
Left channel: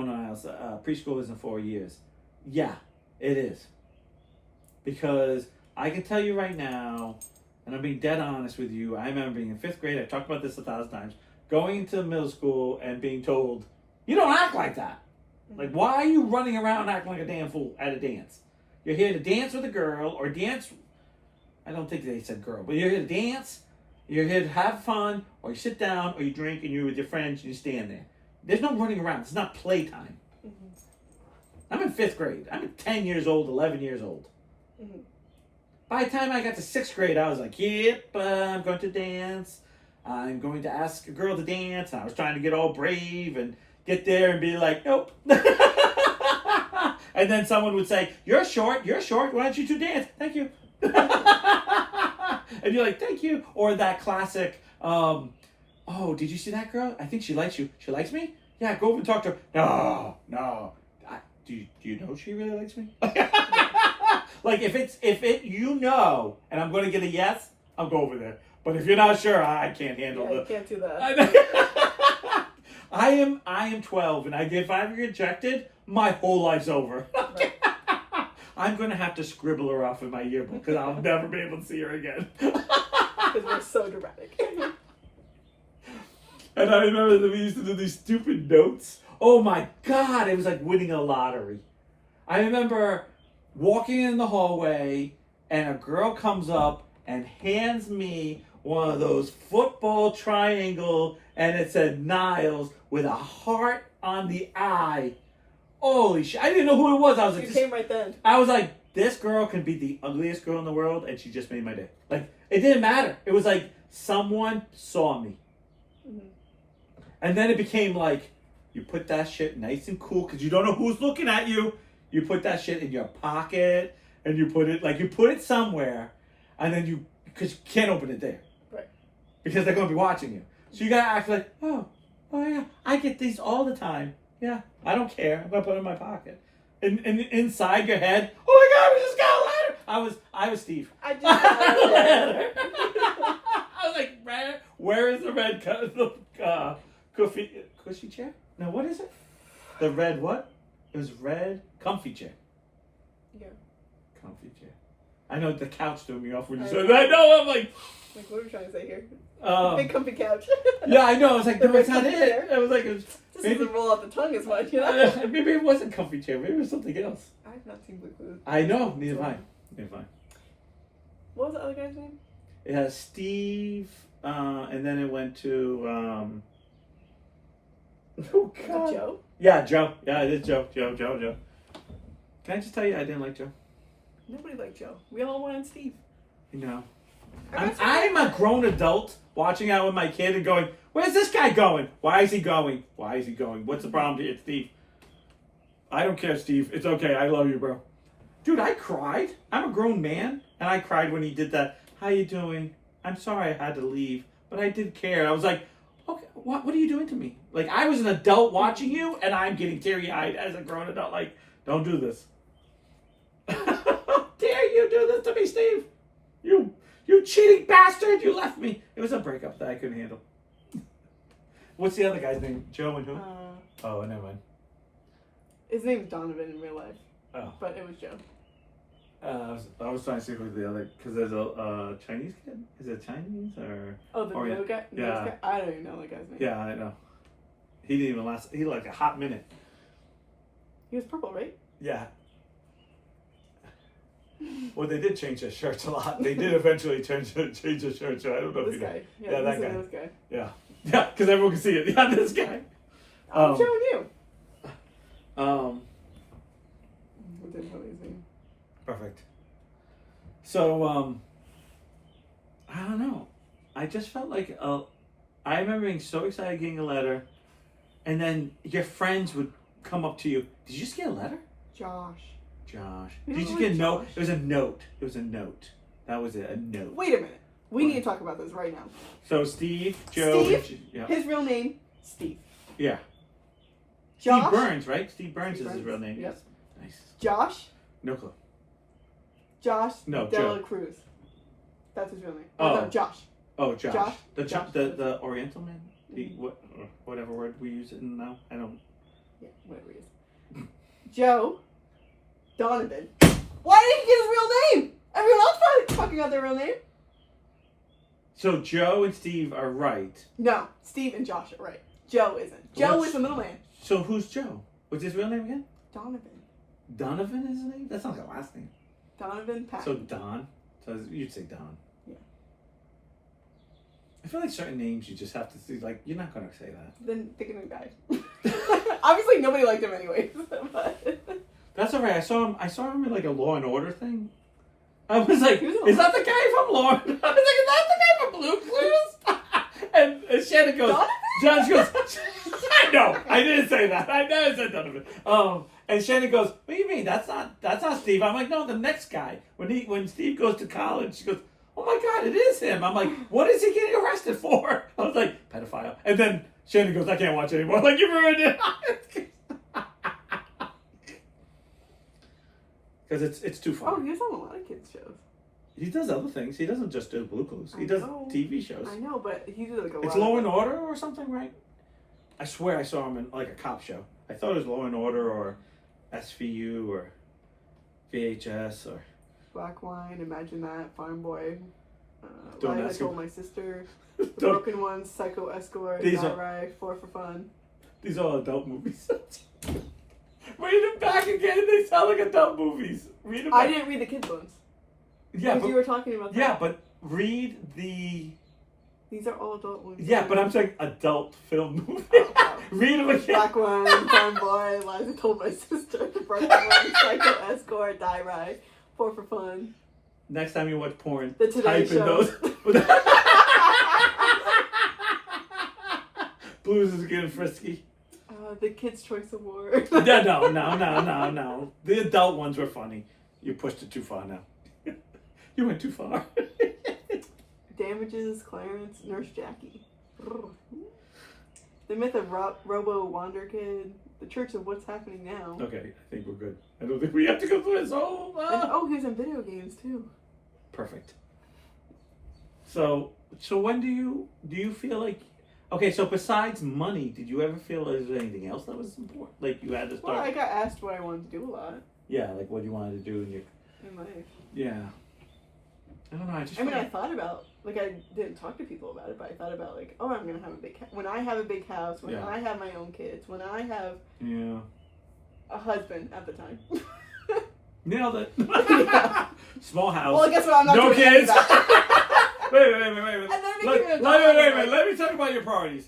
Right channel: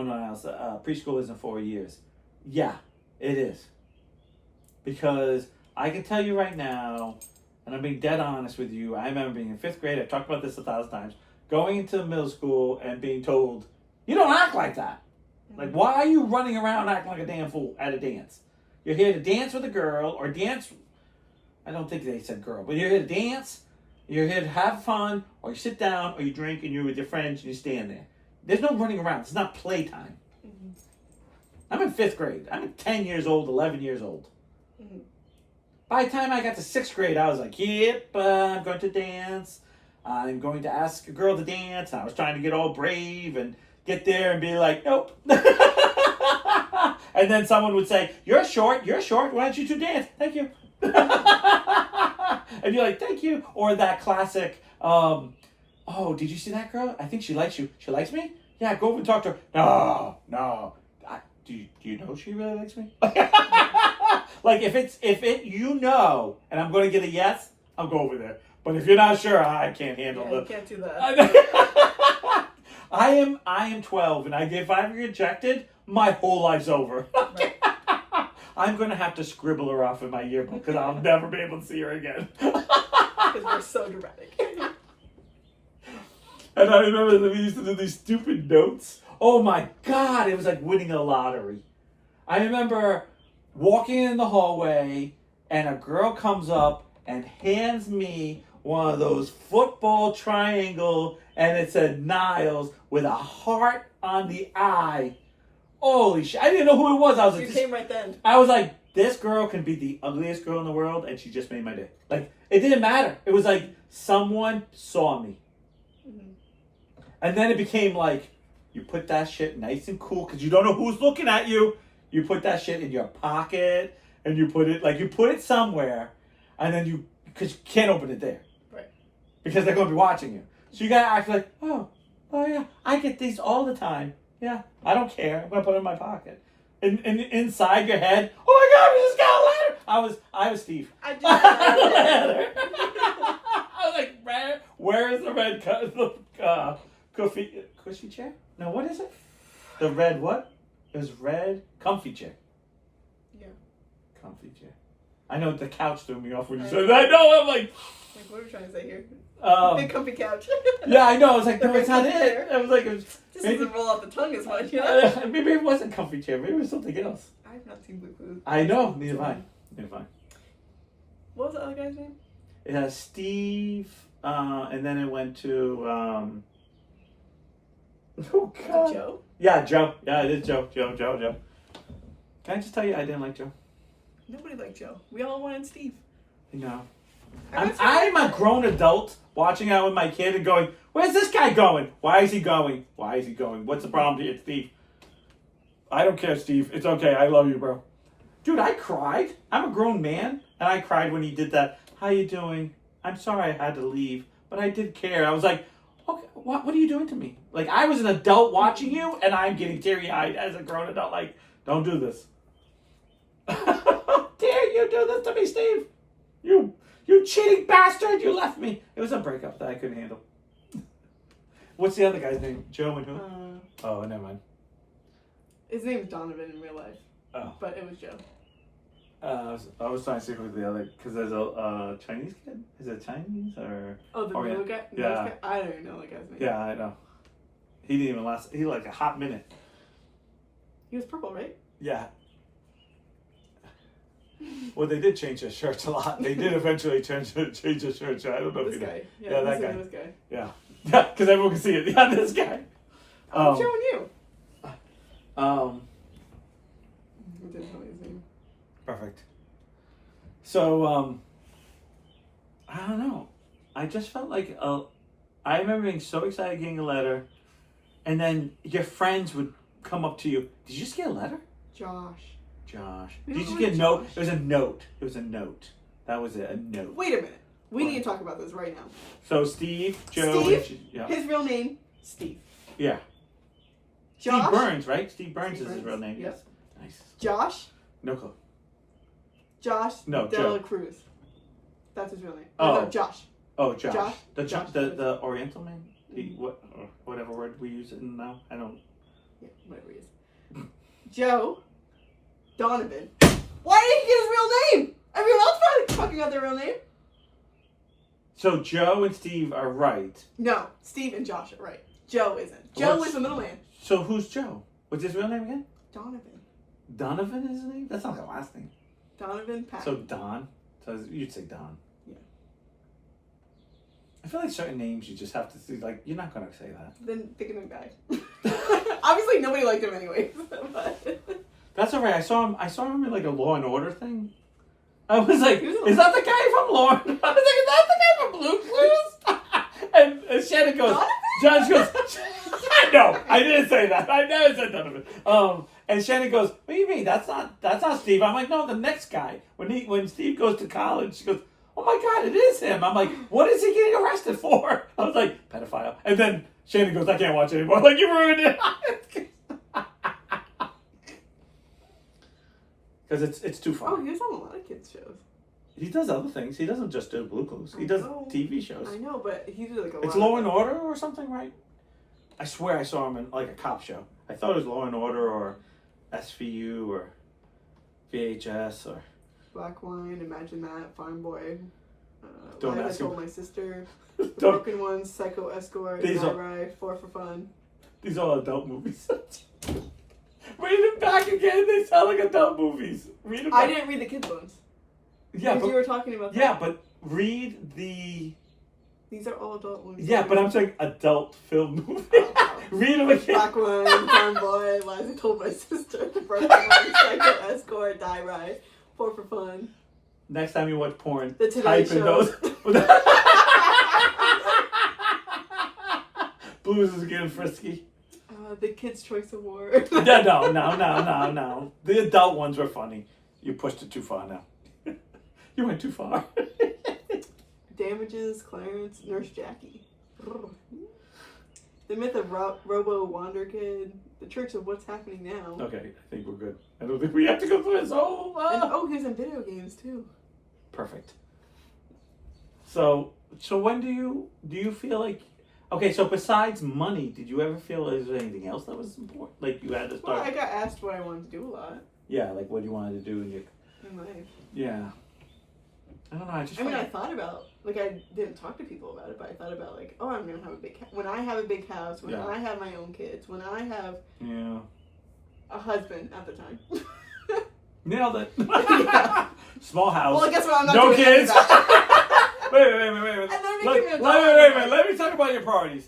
preschool isn't 4 years. Yeah, it is. Because I can tell you right now, and I'm being dead honest with you, I remember being in 5th grade, I talked about this 1,000 times, going into middle school and being told, you don't act like that. Like, why are you running around acting like a damn fool at a dance? You're here to dance with a girl, or dance, I don't think they said girl, but you're here to dance, you're here to have fun, or you sit down, or you drink, and you're with your friends, and you stand there. There's no running around. It's not playtime. I'm in 5th grade. I'm 10 years old, 11 years old. By the time I got to 6th grade, I was like, yep, I'm going to dance. I'm going to ask a girl to dance. And I was trying to get all brave and get there and be like, nope. And then someone would say, you're short. Why don't you two dance? Thank you. And you're like, thank you. Or that classic, oh, did you see that girl? I think she likes you. She likes me? Yeah, go over and talk to her. No. Do you know she really likes me? Like you know, and I'm going to get a yes, I'll go over there. But if you're not sure, I can't handle it. You can't do that. I am 12, and if I'm rejected, my whole life's over. Right. I'm going to have to scribble her off in my yearbook because I'll never be able to see her again. Because we're so dramatic. And I remember that we used to do these stupid notes. Oh my God, it was like winning a lottery. I remember walking in the hallway and a girl comes up and hands me one of those football triangle, and it said Niles with a heart on the eye. Holy shit. I didn't know who it was. I was like, you came right then. I was like, this girl can be the ugliest girl in the world, and she just made my day. Like, it didn't matter. It was like someone saw me. And then it became like, you put that shit nice and cool because you don't know who's looking at you. You put that shit in your pocket and you put it somewhere, and then because you can't open it there. Right. Because they're going to be watching you. So you got to act like, oh yeah, I get these all the time. Yeah, I don't care. I'm going to put it in my pocket. And inside your head, oh my God, we just got a ladder. I was Steve. I just got a ladder. I was like, where is the red cushy chair? No, what is it? The red what? It was red comfy chair. Yeah. Comfy chair. I know the couch threw me off when you said that. I know, I'm like, what are we trying to say here? Big Um, comfy couch. yeah, I know. I was like, The no, it's not comfy it. chair. I was like, This maybe, doesn't roll off the tongue as much, you know? maybe it wasn't comfy chair. Maybe it was something else. I've not seen Blue Clues. I know. Neither have I. Neither have I. What was the other guy's name? It has Steve, and then it went to, oh God. Joe? Yeah, Joe. Yeah, it is Joe. Joe. Can I just tell you, I didn't like Joe. Nobody liked Joe. We all wanted Steve. No. I I'm a grown adult watching out with my kid and going, where's this guy going? Why is he going? Why is he going? What's the problem here, Steve? I don't care, Steve. It's okay. I love you, bro. Dude, I cried. I'm a grown man, and I cried when he did that. How you doing? I'm sorry I had to leave, but I did care. I was like, okay, what are you doing to me? Like, I was an adult watching you, and I'm getting teary-eyed as a grown adult. Like, don't do this. How dare you do this to me, Steve? You cheating bastard! You left me. It was a breakup that I couldn't handle. What's the other guy's name? Joe and who? Oh, never mind. His name's Donovan in real life. Oh. But it was Joe. I was trying to see who the other, because there's a Chinese kid. Is it Chinese or? Oh, the yeah. new guy? Yeah. Guy? I don't even know the guy's name. Yeah, I know. He didn't even last. He like a hot minute. He was purple, right? Yeah. Well, they did change their shirts a lot. They did eventually change their shirts. I don't know if This you guy. know. Yeah, that guy. This guy. Yeah. Yeah, because everyone can see it. Yeah, this guy. I'm showing you. Um. I didn't know his name. Perfect. So, I don't know. I just felt like I remember being so excited getting a letter, and then your friends would come up to you. Did you just get a letter? Josh. Did you just get a note? It was a note. That was it. A note. Wait a minute. We need to talk about this right now. So Steve, Joe, Steve, his real name, Steve. Yeah. Josh. Steve Burns, right? Steve Burns is his real name. Yep. Yes. Nice. Josh. No clue. Josh. No, De Joe. La Cruz. That's his real name. Oh. No, Josh. Oh, Josh. Josh. The Oriental man. Whatever word we use it in now. I don't. Yeah, whatever he is. Joe. Donovan. Why didn't he get his real name? Everyone else probably fucking got their real name. So Joe and Steve are right. No, Steve and Josh are right. Joe isn't. Joe is the middleman. So who's Joe? What's his real name again? Donovan. Donovan is his name? That's not the last name. Donovan Patton. So Don. So you'd say Don. Yeah. I feel like certain names you just have to see. Like, you're not going to say that. Then pick a new guy. Obviously, nobody liked him anyway. But... That's all right. I saw him in like a Law and Order thing. I was like, is that the guy from Law and Order? I was like, is that the guy from Blue Clues? and Shannon goes, John goes, no, I didn't say that. I never said Donovan. And Shannon goes, what do you mean? That's not Steve. I'm like, no, the next guy. When Steve goes to college, she goes, oh my God, it is him. I'm like, what is he getting arrested for? I was like, pedophile. And then Shannon goes, I can't watch anymore. Like, you ruined it. Because it's too far. Oh, he's on a lot of kids' shows. He does other things. He doesn't just do Blue Clues. He does TV shows. I know, but he did like a lot. It's Law and Order or something, right? I swear I saw him in like a cop show. I thought it was Law and Order or SVU or VHS or... Black Wine, Imagine That, Farm Boy, Don't Live I ask Told him. My Sister, The Broken Ones, Psycho Escort, These Night are- Ride, 4 for Fun. These are all adult movies. Read them back again. They sound like adult movies. Read them back. I didn't read the kids' ones. Yeah, Because but, you were talking about that. yeah, but read the... These are all adult movies. Yeah, but I'm saying adult film movie. Oh. Read them again. Black Wine, Farm Boy, Lies I Told My Sister, The Broken Ones, Psycho Escort, Die Ride, 4 for Fun. Next time you watch porn, The Today type in Show. those. Blues is getting frisky. The Kids' Choice Award. No. The adult ones were funny. You pushed it too far now. You went too far. Damages, Clarence, Nurse Jackie. The myth of Robo Wander Kid. The Church of What's Happening Now. Okay, I think we're good. I don't think we have to go through this whole... And, he's in video games, too. Perfect. So when do you feel like... Okay, so besides money, did you ever feel there was anything else that was important? Like you had to start... Well, I got asked what I wanted to do a lot. Yeah, like what you wanted to do in life. Yeah. I don't know, I thought about, like, I didn't talk to people about it, but I thought about, like, oh, I'm going to have a big house. When I have a big house, when I have my own kids, when I have a husband at the time. Nailed it. Yeah. Small house. Well, I guess what I'm not no doing kids. Wait. And then Wait a minute. Let me talk about your priorities.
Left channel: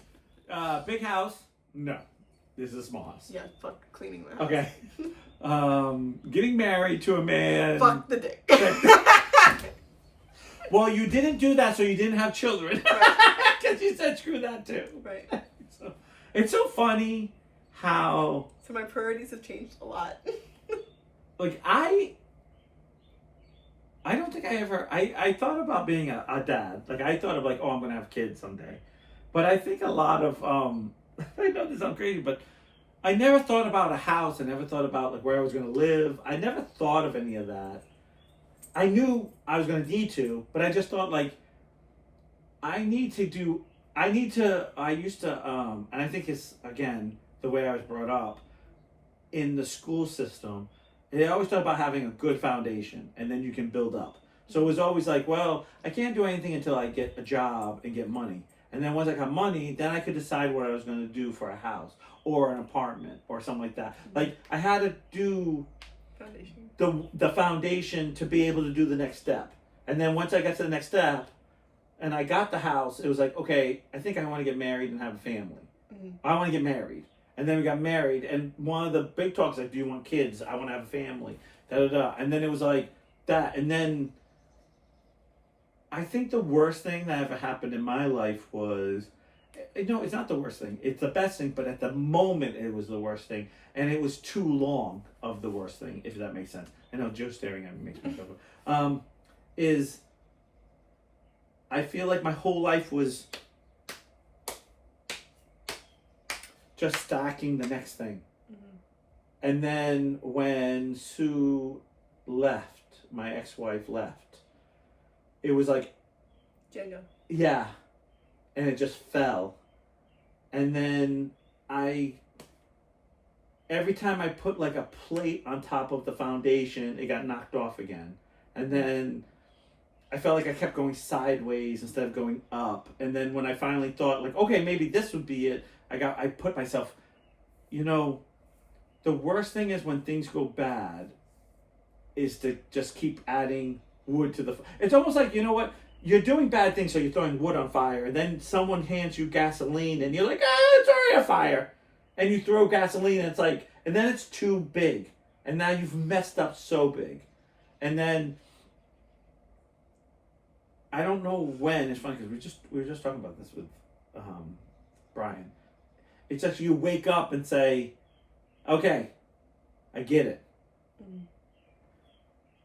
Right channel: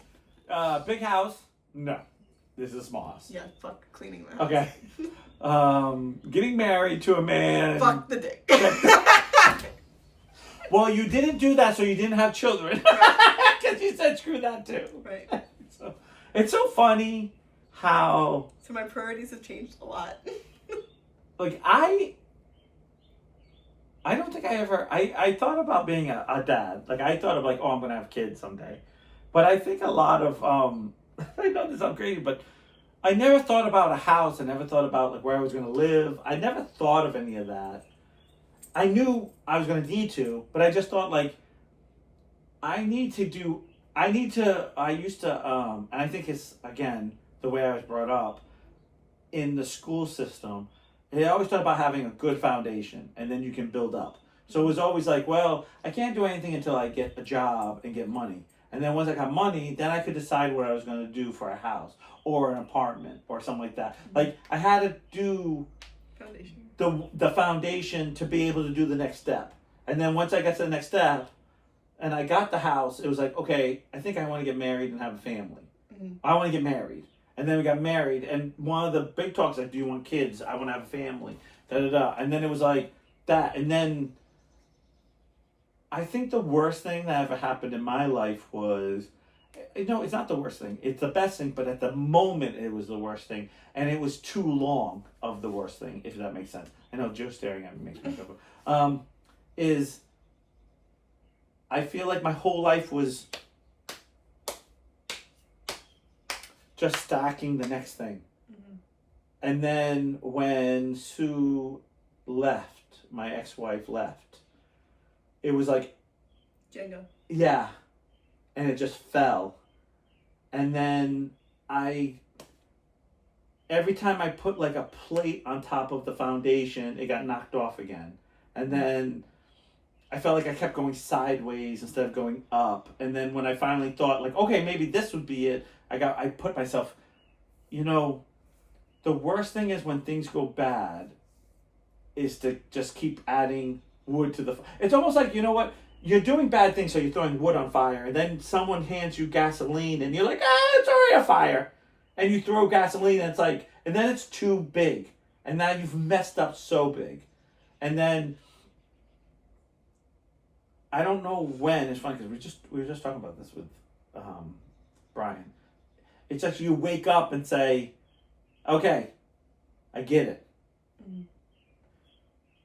Big house? No. This is a small house. Yeah, fuck cleaning the house. Okay. Getting married to a man. Fuck the dick. Well, you didn't do that, so you didn't have children. Because you said screw that too. Right. So, it's so funny how... So my priorities have changed a lot. Like, I don't think I ever... I thought about being a dad. Like, I thought of, like, oh, I'm going to have kids someday. But I think a lot of... I know this sounds crazy, but I never thought about a house. I never thought about, like, where I was going to live. I never thought of any of that. I knew I was going to need to, but I just thought, like, I used to, and I think it's, again, the way I was brought up in the school system, they always talk about having a good foundation, and then you can build up. So it was always like, well, I can't do anything until I get a job and get money. And then once I got money, then I could decide what I was going to do for a house or an apartment or something like that. Like, I had to do... Foundation. The foundation to be able to do the next step. And then once I got to the next step and I got the house, it was like, okay, I think I want to get married and have a family. Mm-hmm. I want to get married. And then we got married, and one of the big talks, like, do you want kids? I want to have a family. And then it was like that. And then I think the worst thing that ever happened in my life was, no, it's not the worst thing. It's the best thing, but at the moment it was the worst thing. And it was too long of the worst thing, if that makes sense. I know Joe's staring at me makes me chuckle. Is I feel like my whole life was just stacking the next thing. Mm-hmm. And then when Sue left, my ex-wife left, it was like... Jenga. Yeah. And it just fell. And then every time I put like a plate on top of the foundation, it got knocked off again. And then I felt like I kept going sideways instead of going up. And then when I finally thought, like, okay, maybe this would be it, I put myself, the worst thing is when things go bad is to just keep adding wood to the... It's almost like, you know what? You're doing bad things, so you're throwing wood on fire. And then someone hands you gasoline, and you're like, it's already a fire. And you throw gasoline, and it's like... And then it's too big. And now you've messed up so big. And then... I don't know when. It's funny, because we were just talking about this with Brian. It's that you wake up and say, okay, I get it. Mm-hmm.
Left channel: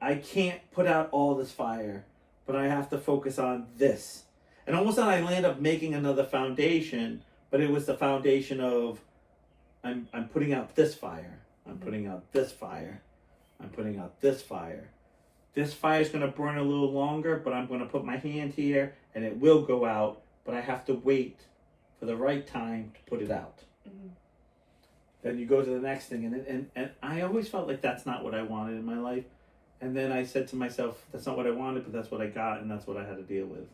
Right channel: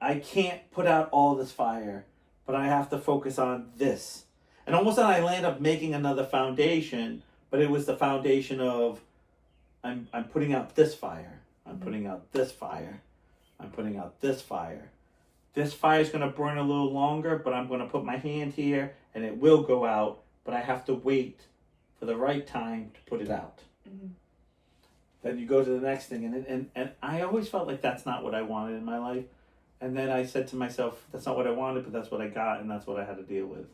I can't put out all this fire, but I have to focus on this. And almost then I land up making another foundation, but it was the foundation of I'm putting out this fire. I'm putting out this fire. I'm putting out this fire. This fire is going to burn a little longer, but I'm going to put my hand here and it will go out, but I have to wait for the right time to put it out. Mm-hmm. Then you go to the next thing, and I always felt like that's not what I wanted in my life. And then I said to myself, that's not what I wanted, but that's what I got, and that's what I had to deal with.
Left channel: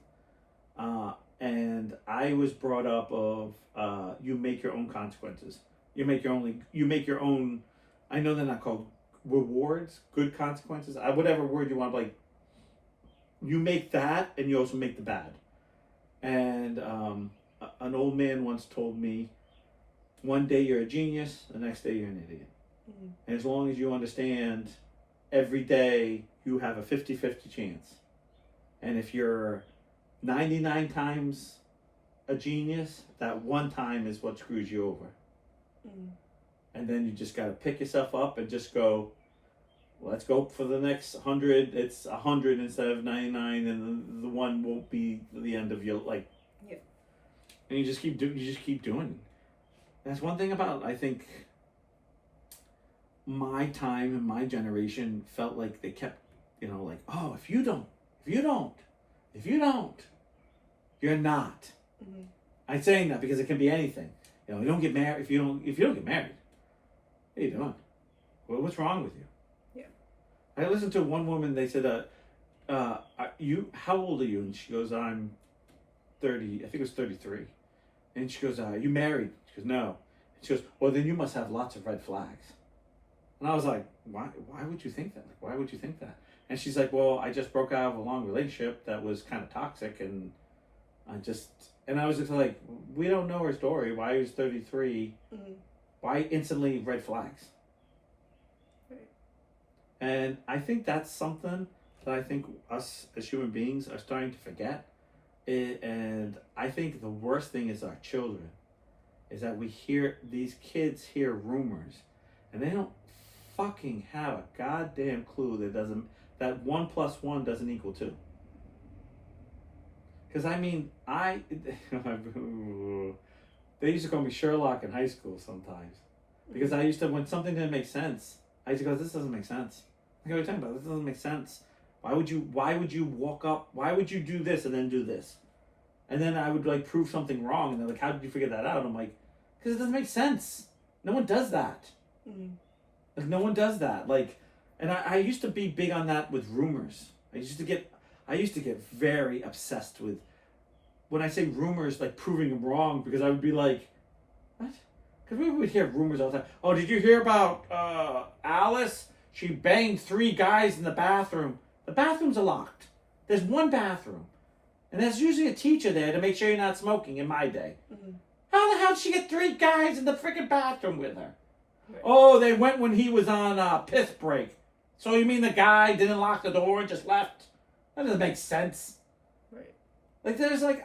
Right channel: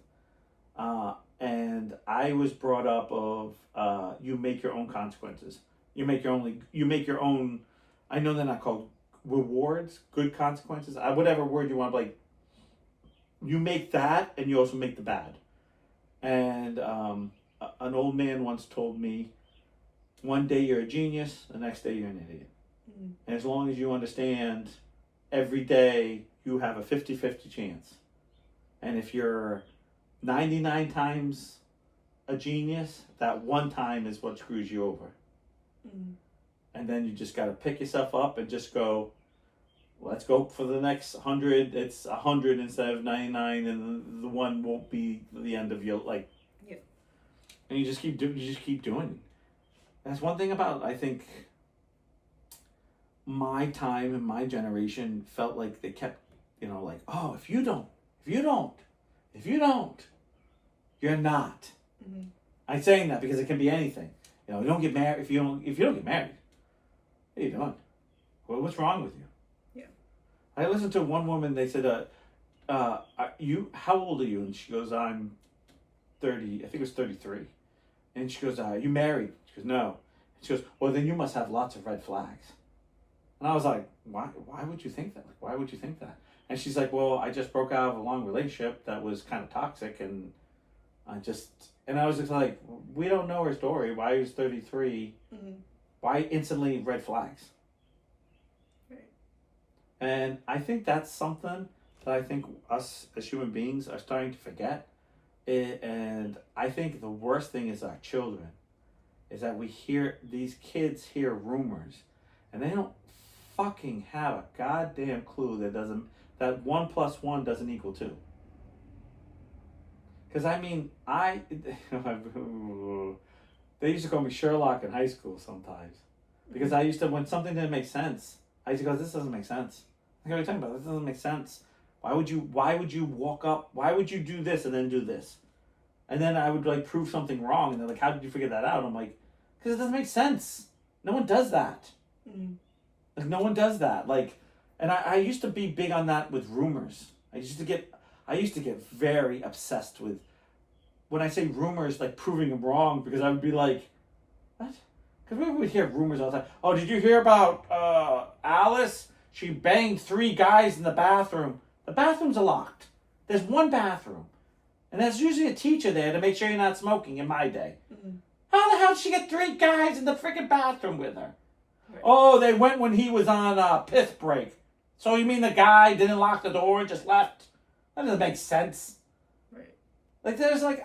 And I was brought up of you make your own consequences. You make your own. I know they're not called rewards, good consequences. Whatever word you want, like you make that, and you also make the bad. And an old man once told me, one day you're a genius, the next day you're an idiot. Mm-hmm. And as long as you understand, every day you have a 50-50 chance. And if you're 99 times a genius, that one time is what screws you over. Mm-hmm. And then you just got to pick yourself up and just go, let's go for the next 100. It's 100 instead of 99, and the one won't be the end of your life. Yeah. And you just keep doing it. That's one thing about, I think, my time and my generation felt like they kept, like, oh, if you don't, you're not. Mm-hmm. I'm saying that because it can be anything. You don't get married if you don't get married. What are you doing? Well, what's wrong with you? Yeah. I listened to one woman. They said, how old are you? And she goes, I'm 30. I think it was 33. And she goes, you married? She goes, no. And she goes, well, then you must have lots of red flags. And I was like, why would you think that? Like, why would you think that? And she's like, well, I just broke out of a long relationship that was kind of toxic, and I was just like, we don't know her story. Why was 33? Mm-hmm. Why instantly red flags? Right. And I think that's something that I think us as human beings are starting to forget. And I think the worst thing is our children, is that these kids hear rumors, and they don't fucking have a goddamn clue that 1 + 1 doesn't equal 2. Because I mean, they used to call me Sherlock in high school sometimes. Because I used to, when something didn't make sense, I used to go, this doesn't make sense. Like, what are you talking about? This doesn't make sense. Why would you walk up? Why would you do this and then do this? And then I would like prove something wrong. And they're like, how did you figure that out? And I'm like, because it doesn't make sense. No one does that. Mm-hmm. Like, no one does that. Like, and I used to be big on that with rumors. I used to get very obsessed with, when I say rumors, like proving them wrong, because I would be like, what? Because we would hear rumors all the time. Oh, did you hear about Alice? She banged 3 guys in the bathroom. The bathrooms are locked. There's one bathroom. And there's usually a teacher there to make sure you're not smoking in my day. Mm-hmm. How the hell did she get 3 guys in the freaking bathroom with her? Right. Oh, they went when he was on piss break. So you mean the guy didn't lock the door and just left? That doesn't make sense. Right. Like,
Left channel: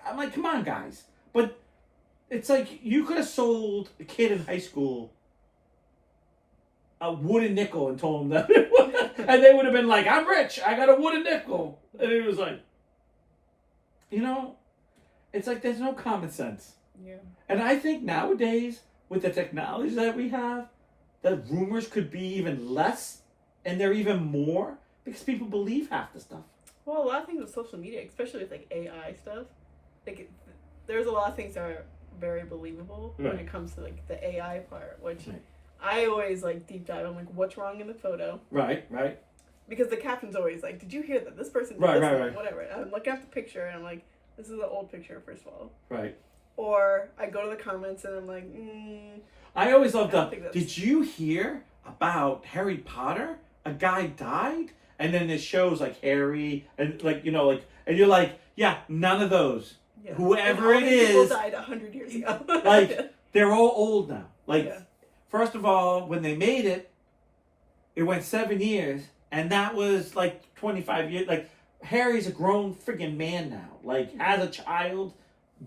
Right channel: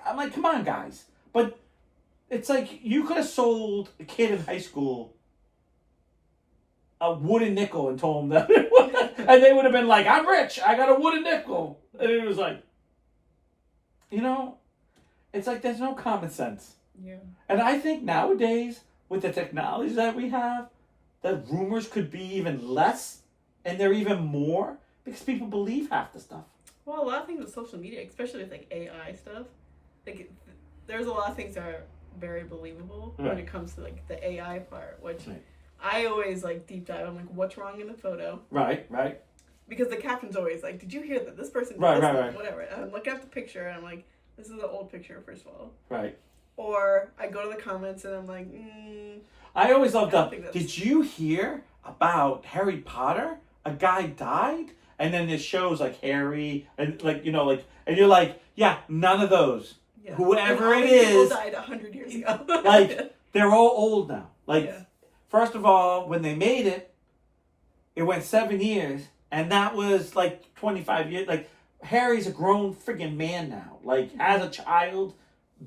I'm like, come on, guys. But it's like, you could have sold a kid in high school a wooden nickel and told him that. And they would have been like, I'm rich. I got a wooden nickel. And it was like, it's like there's no common sense. Yeah. And I think nowadays, with the technology that we have, that rumors could be even less, and they're even more, because people believe half the stuff. Well, a lot of things with social media, especially with like AI stuff, like there's a lot of things that are very believable when it comes to like the AI part, which I always like deep dive. I'm like, what's wrong in the photo? Right. Because the caption's always like, did you hear that this person did this? Whatever. And I'm looking at the picture and I'm like, this is an old picture, first of all. Right. Or I go to the comments and I'm like, I always love that. Did you hear about Harry Potter? A guy died? And then it shows like Harry and like, and you're like, yeah, none of those. Yeah. Whoever it is. People died 100 years ago. Like, they're all old now. Like, first of all, when they made it, it went 7 years. And that was like 25 years. Like, Harry's a grown friggin' man now. Like, as a child,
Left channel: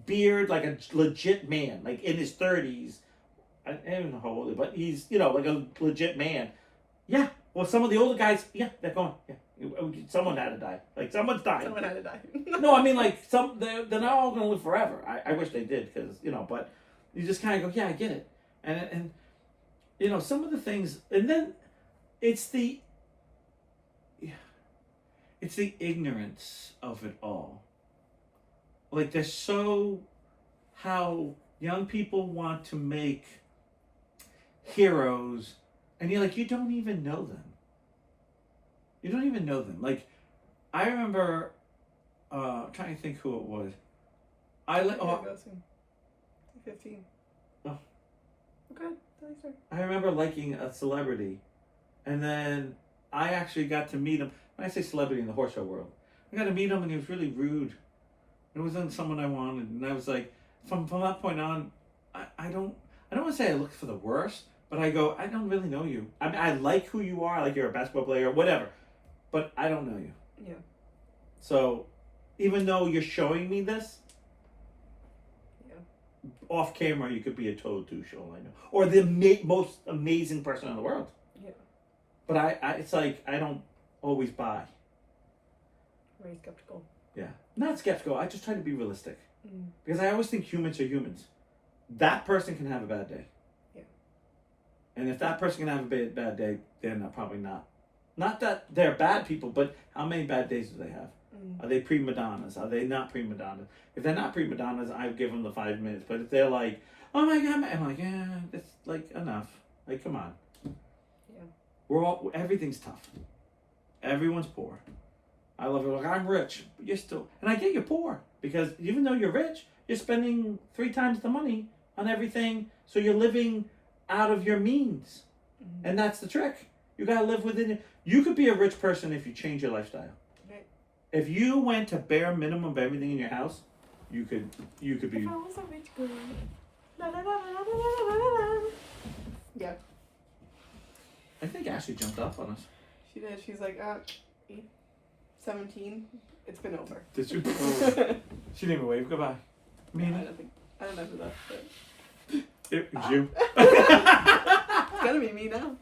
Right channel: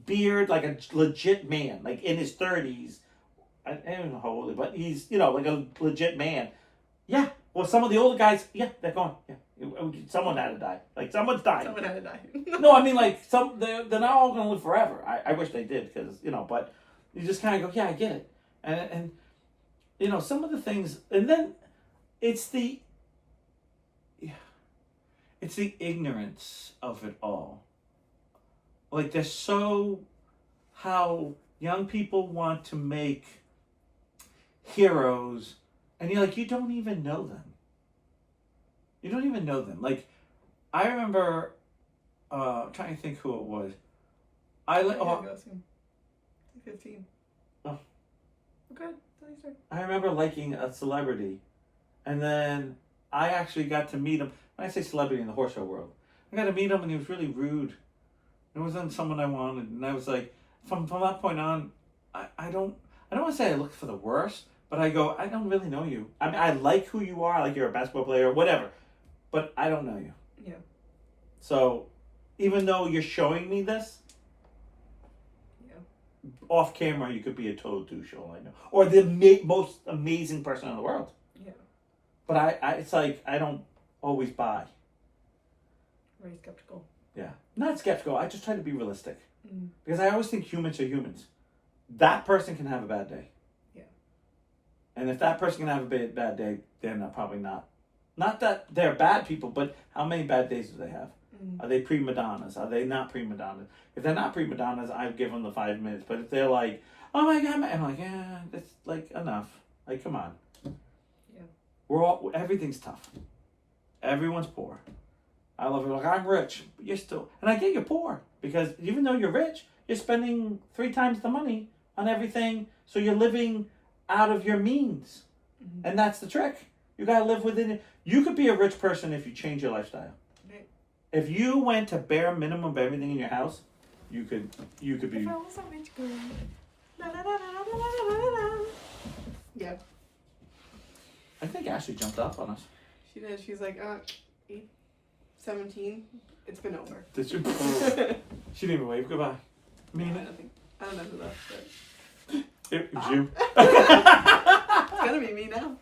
beard, like a legit man. Like, in his 30s. I don't know how old he is, but he's, like a legit man. Yeah. Well, some of the older guys, they're gone. Yeah. Someone had to die. Like, someone's dying. Someone had to die. No, I mean, like, they're not all going to live forever. I wish they did, because, but you just kind of go, yeah, I get it. And some of the things, and then it's the ignorance of it all. Like, there's how young people want to make heroes, and you're like, you don't even know them. You don't even know them. Like, I remember trying to think who it was. 15. Oh. Okay, I remember liking a celebrity, and then I actually got to meet him. When I say celebrity in the horse show world, I got to meet him, and he was really rude. It wasn't someone I wanted, and I was like, from that point on, I don't want to say I looked for the worst, but I go, I don't really know you. I mean, I like who you are, like you're a basketball player, whatever, but I don't know you. Yeah. So, even though you're showing me this, off camera you could be a total douche, all I know, or the most amazing person in the world. Yeah. But I it's like I don't always buy. Very skeptical. Yeah, not skeptical. I just try to be realistic because I always think humans are humans. That person can have a bad day. And if that person can have a bad day, they're probably not. Not that they're bad people, but how many bad days do they have? Are they prima donnas? Are they not prima donnas? If they're not prima donnas, I'd give them the 5 minutes. But if they're like, oh my God, I'm like, yeah, it's like enough. Like, come on. Yeah. Everything's tough. Everyone's poor. I love it. Like, I'm rich, but you're still, and I get you're poor because even though you're rich, you're spending 3 times the money on everything. So you're living out of your means. And that's the trick. You got to live within it. You could be a rich person if you change your lifestyle. Right. If you went to bare minimum of everything in your house, you could be. If I was a rich girl. La, la, la, la, la, la, la, la. Yeah. I think Ashley jumped off on us. She did. She's like, 17. It's been over. Did she? She didn't even wave goodbye. No, I don't know who that is. It was you. It's gonna be me now.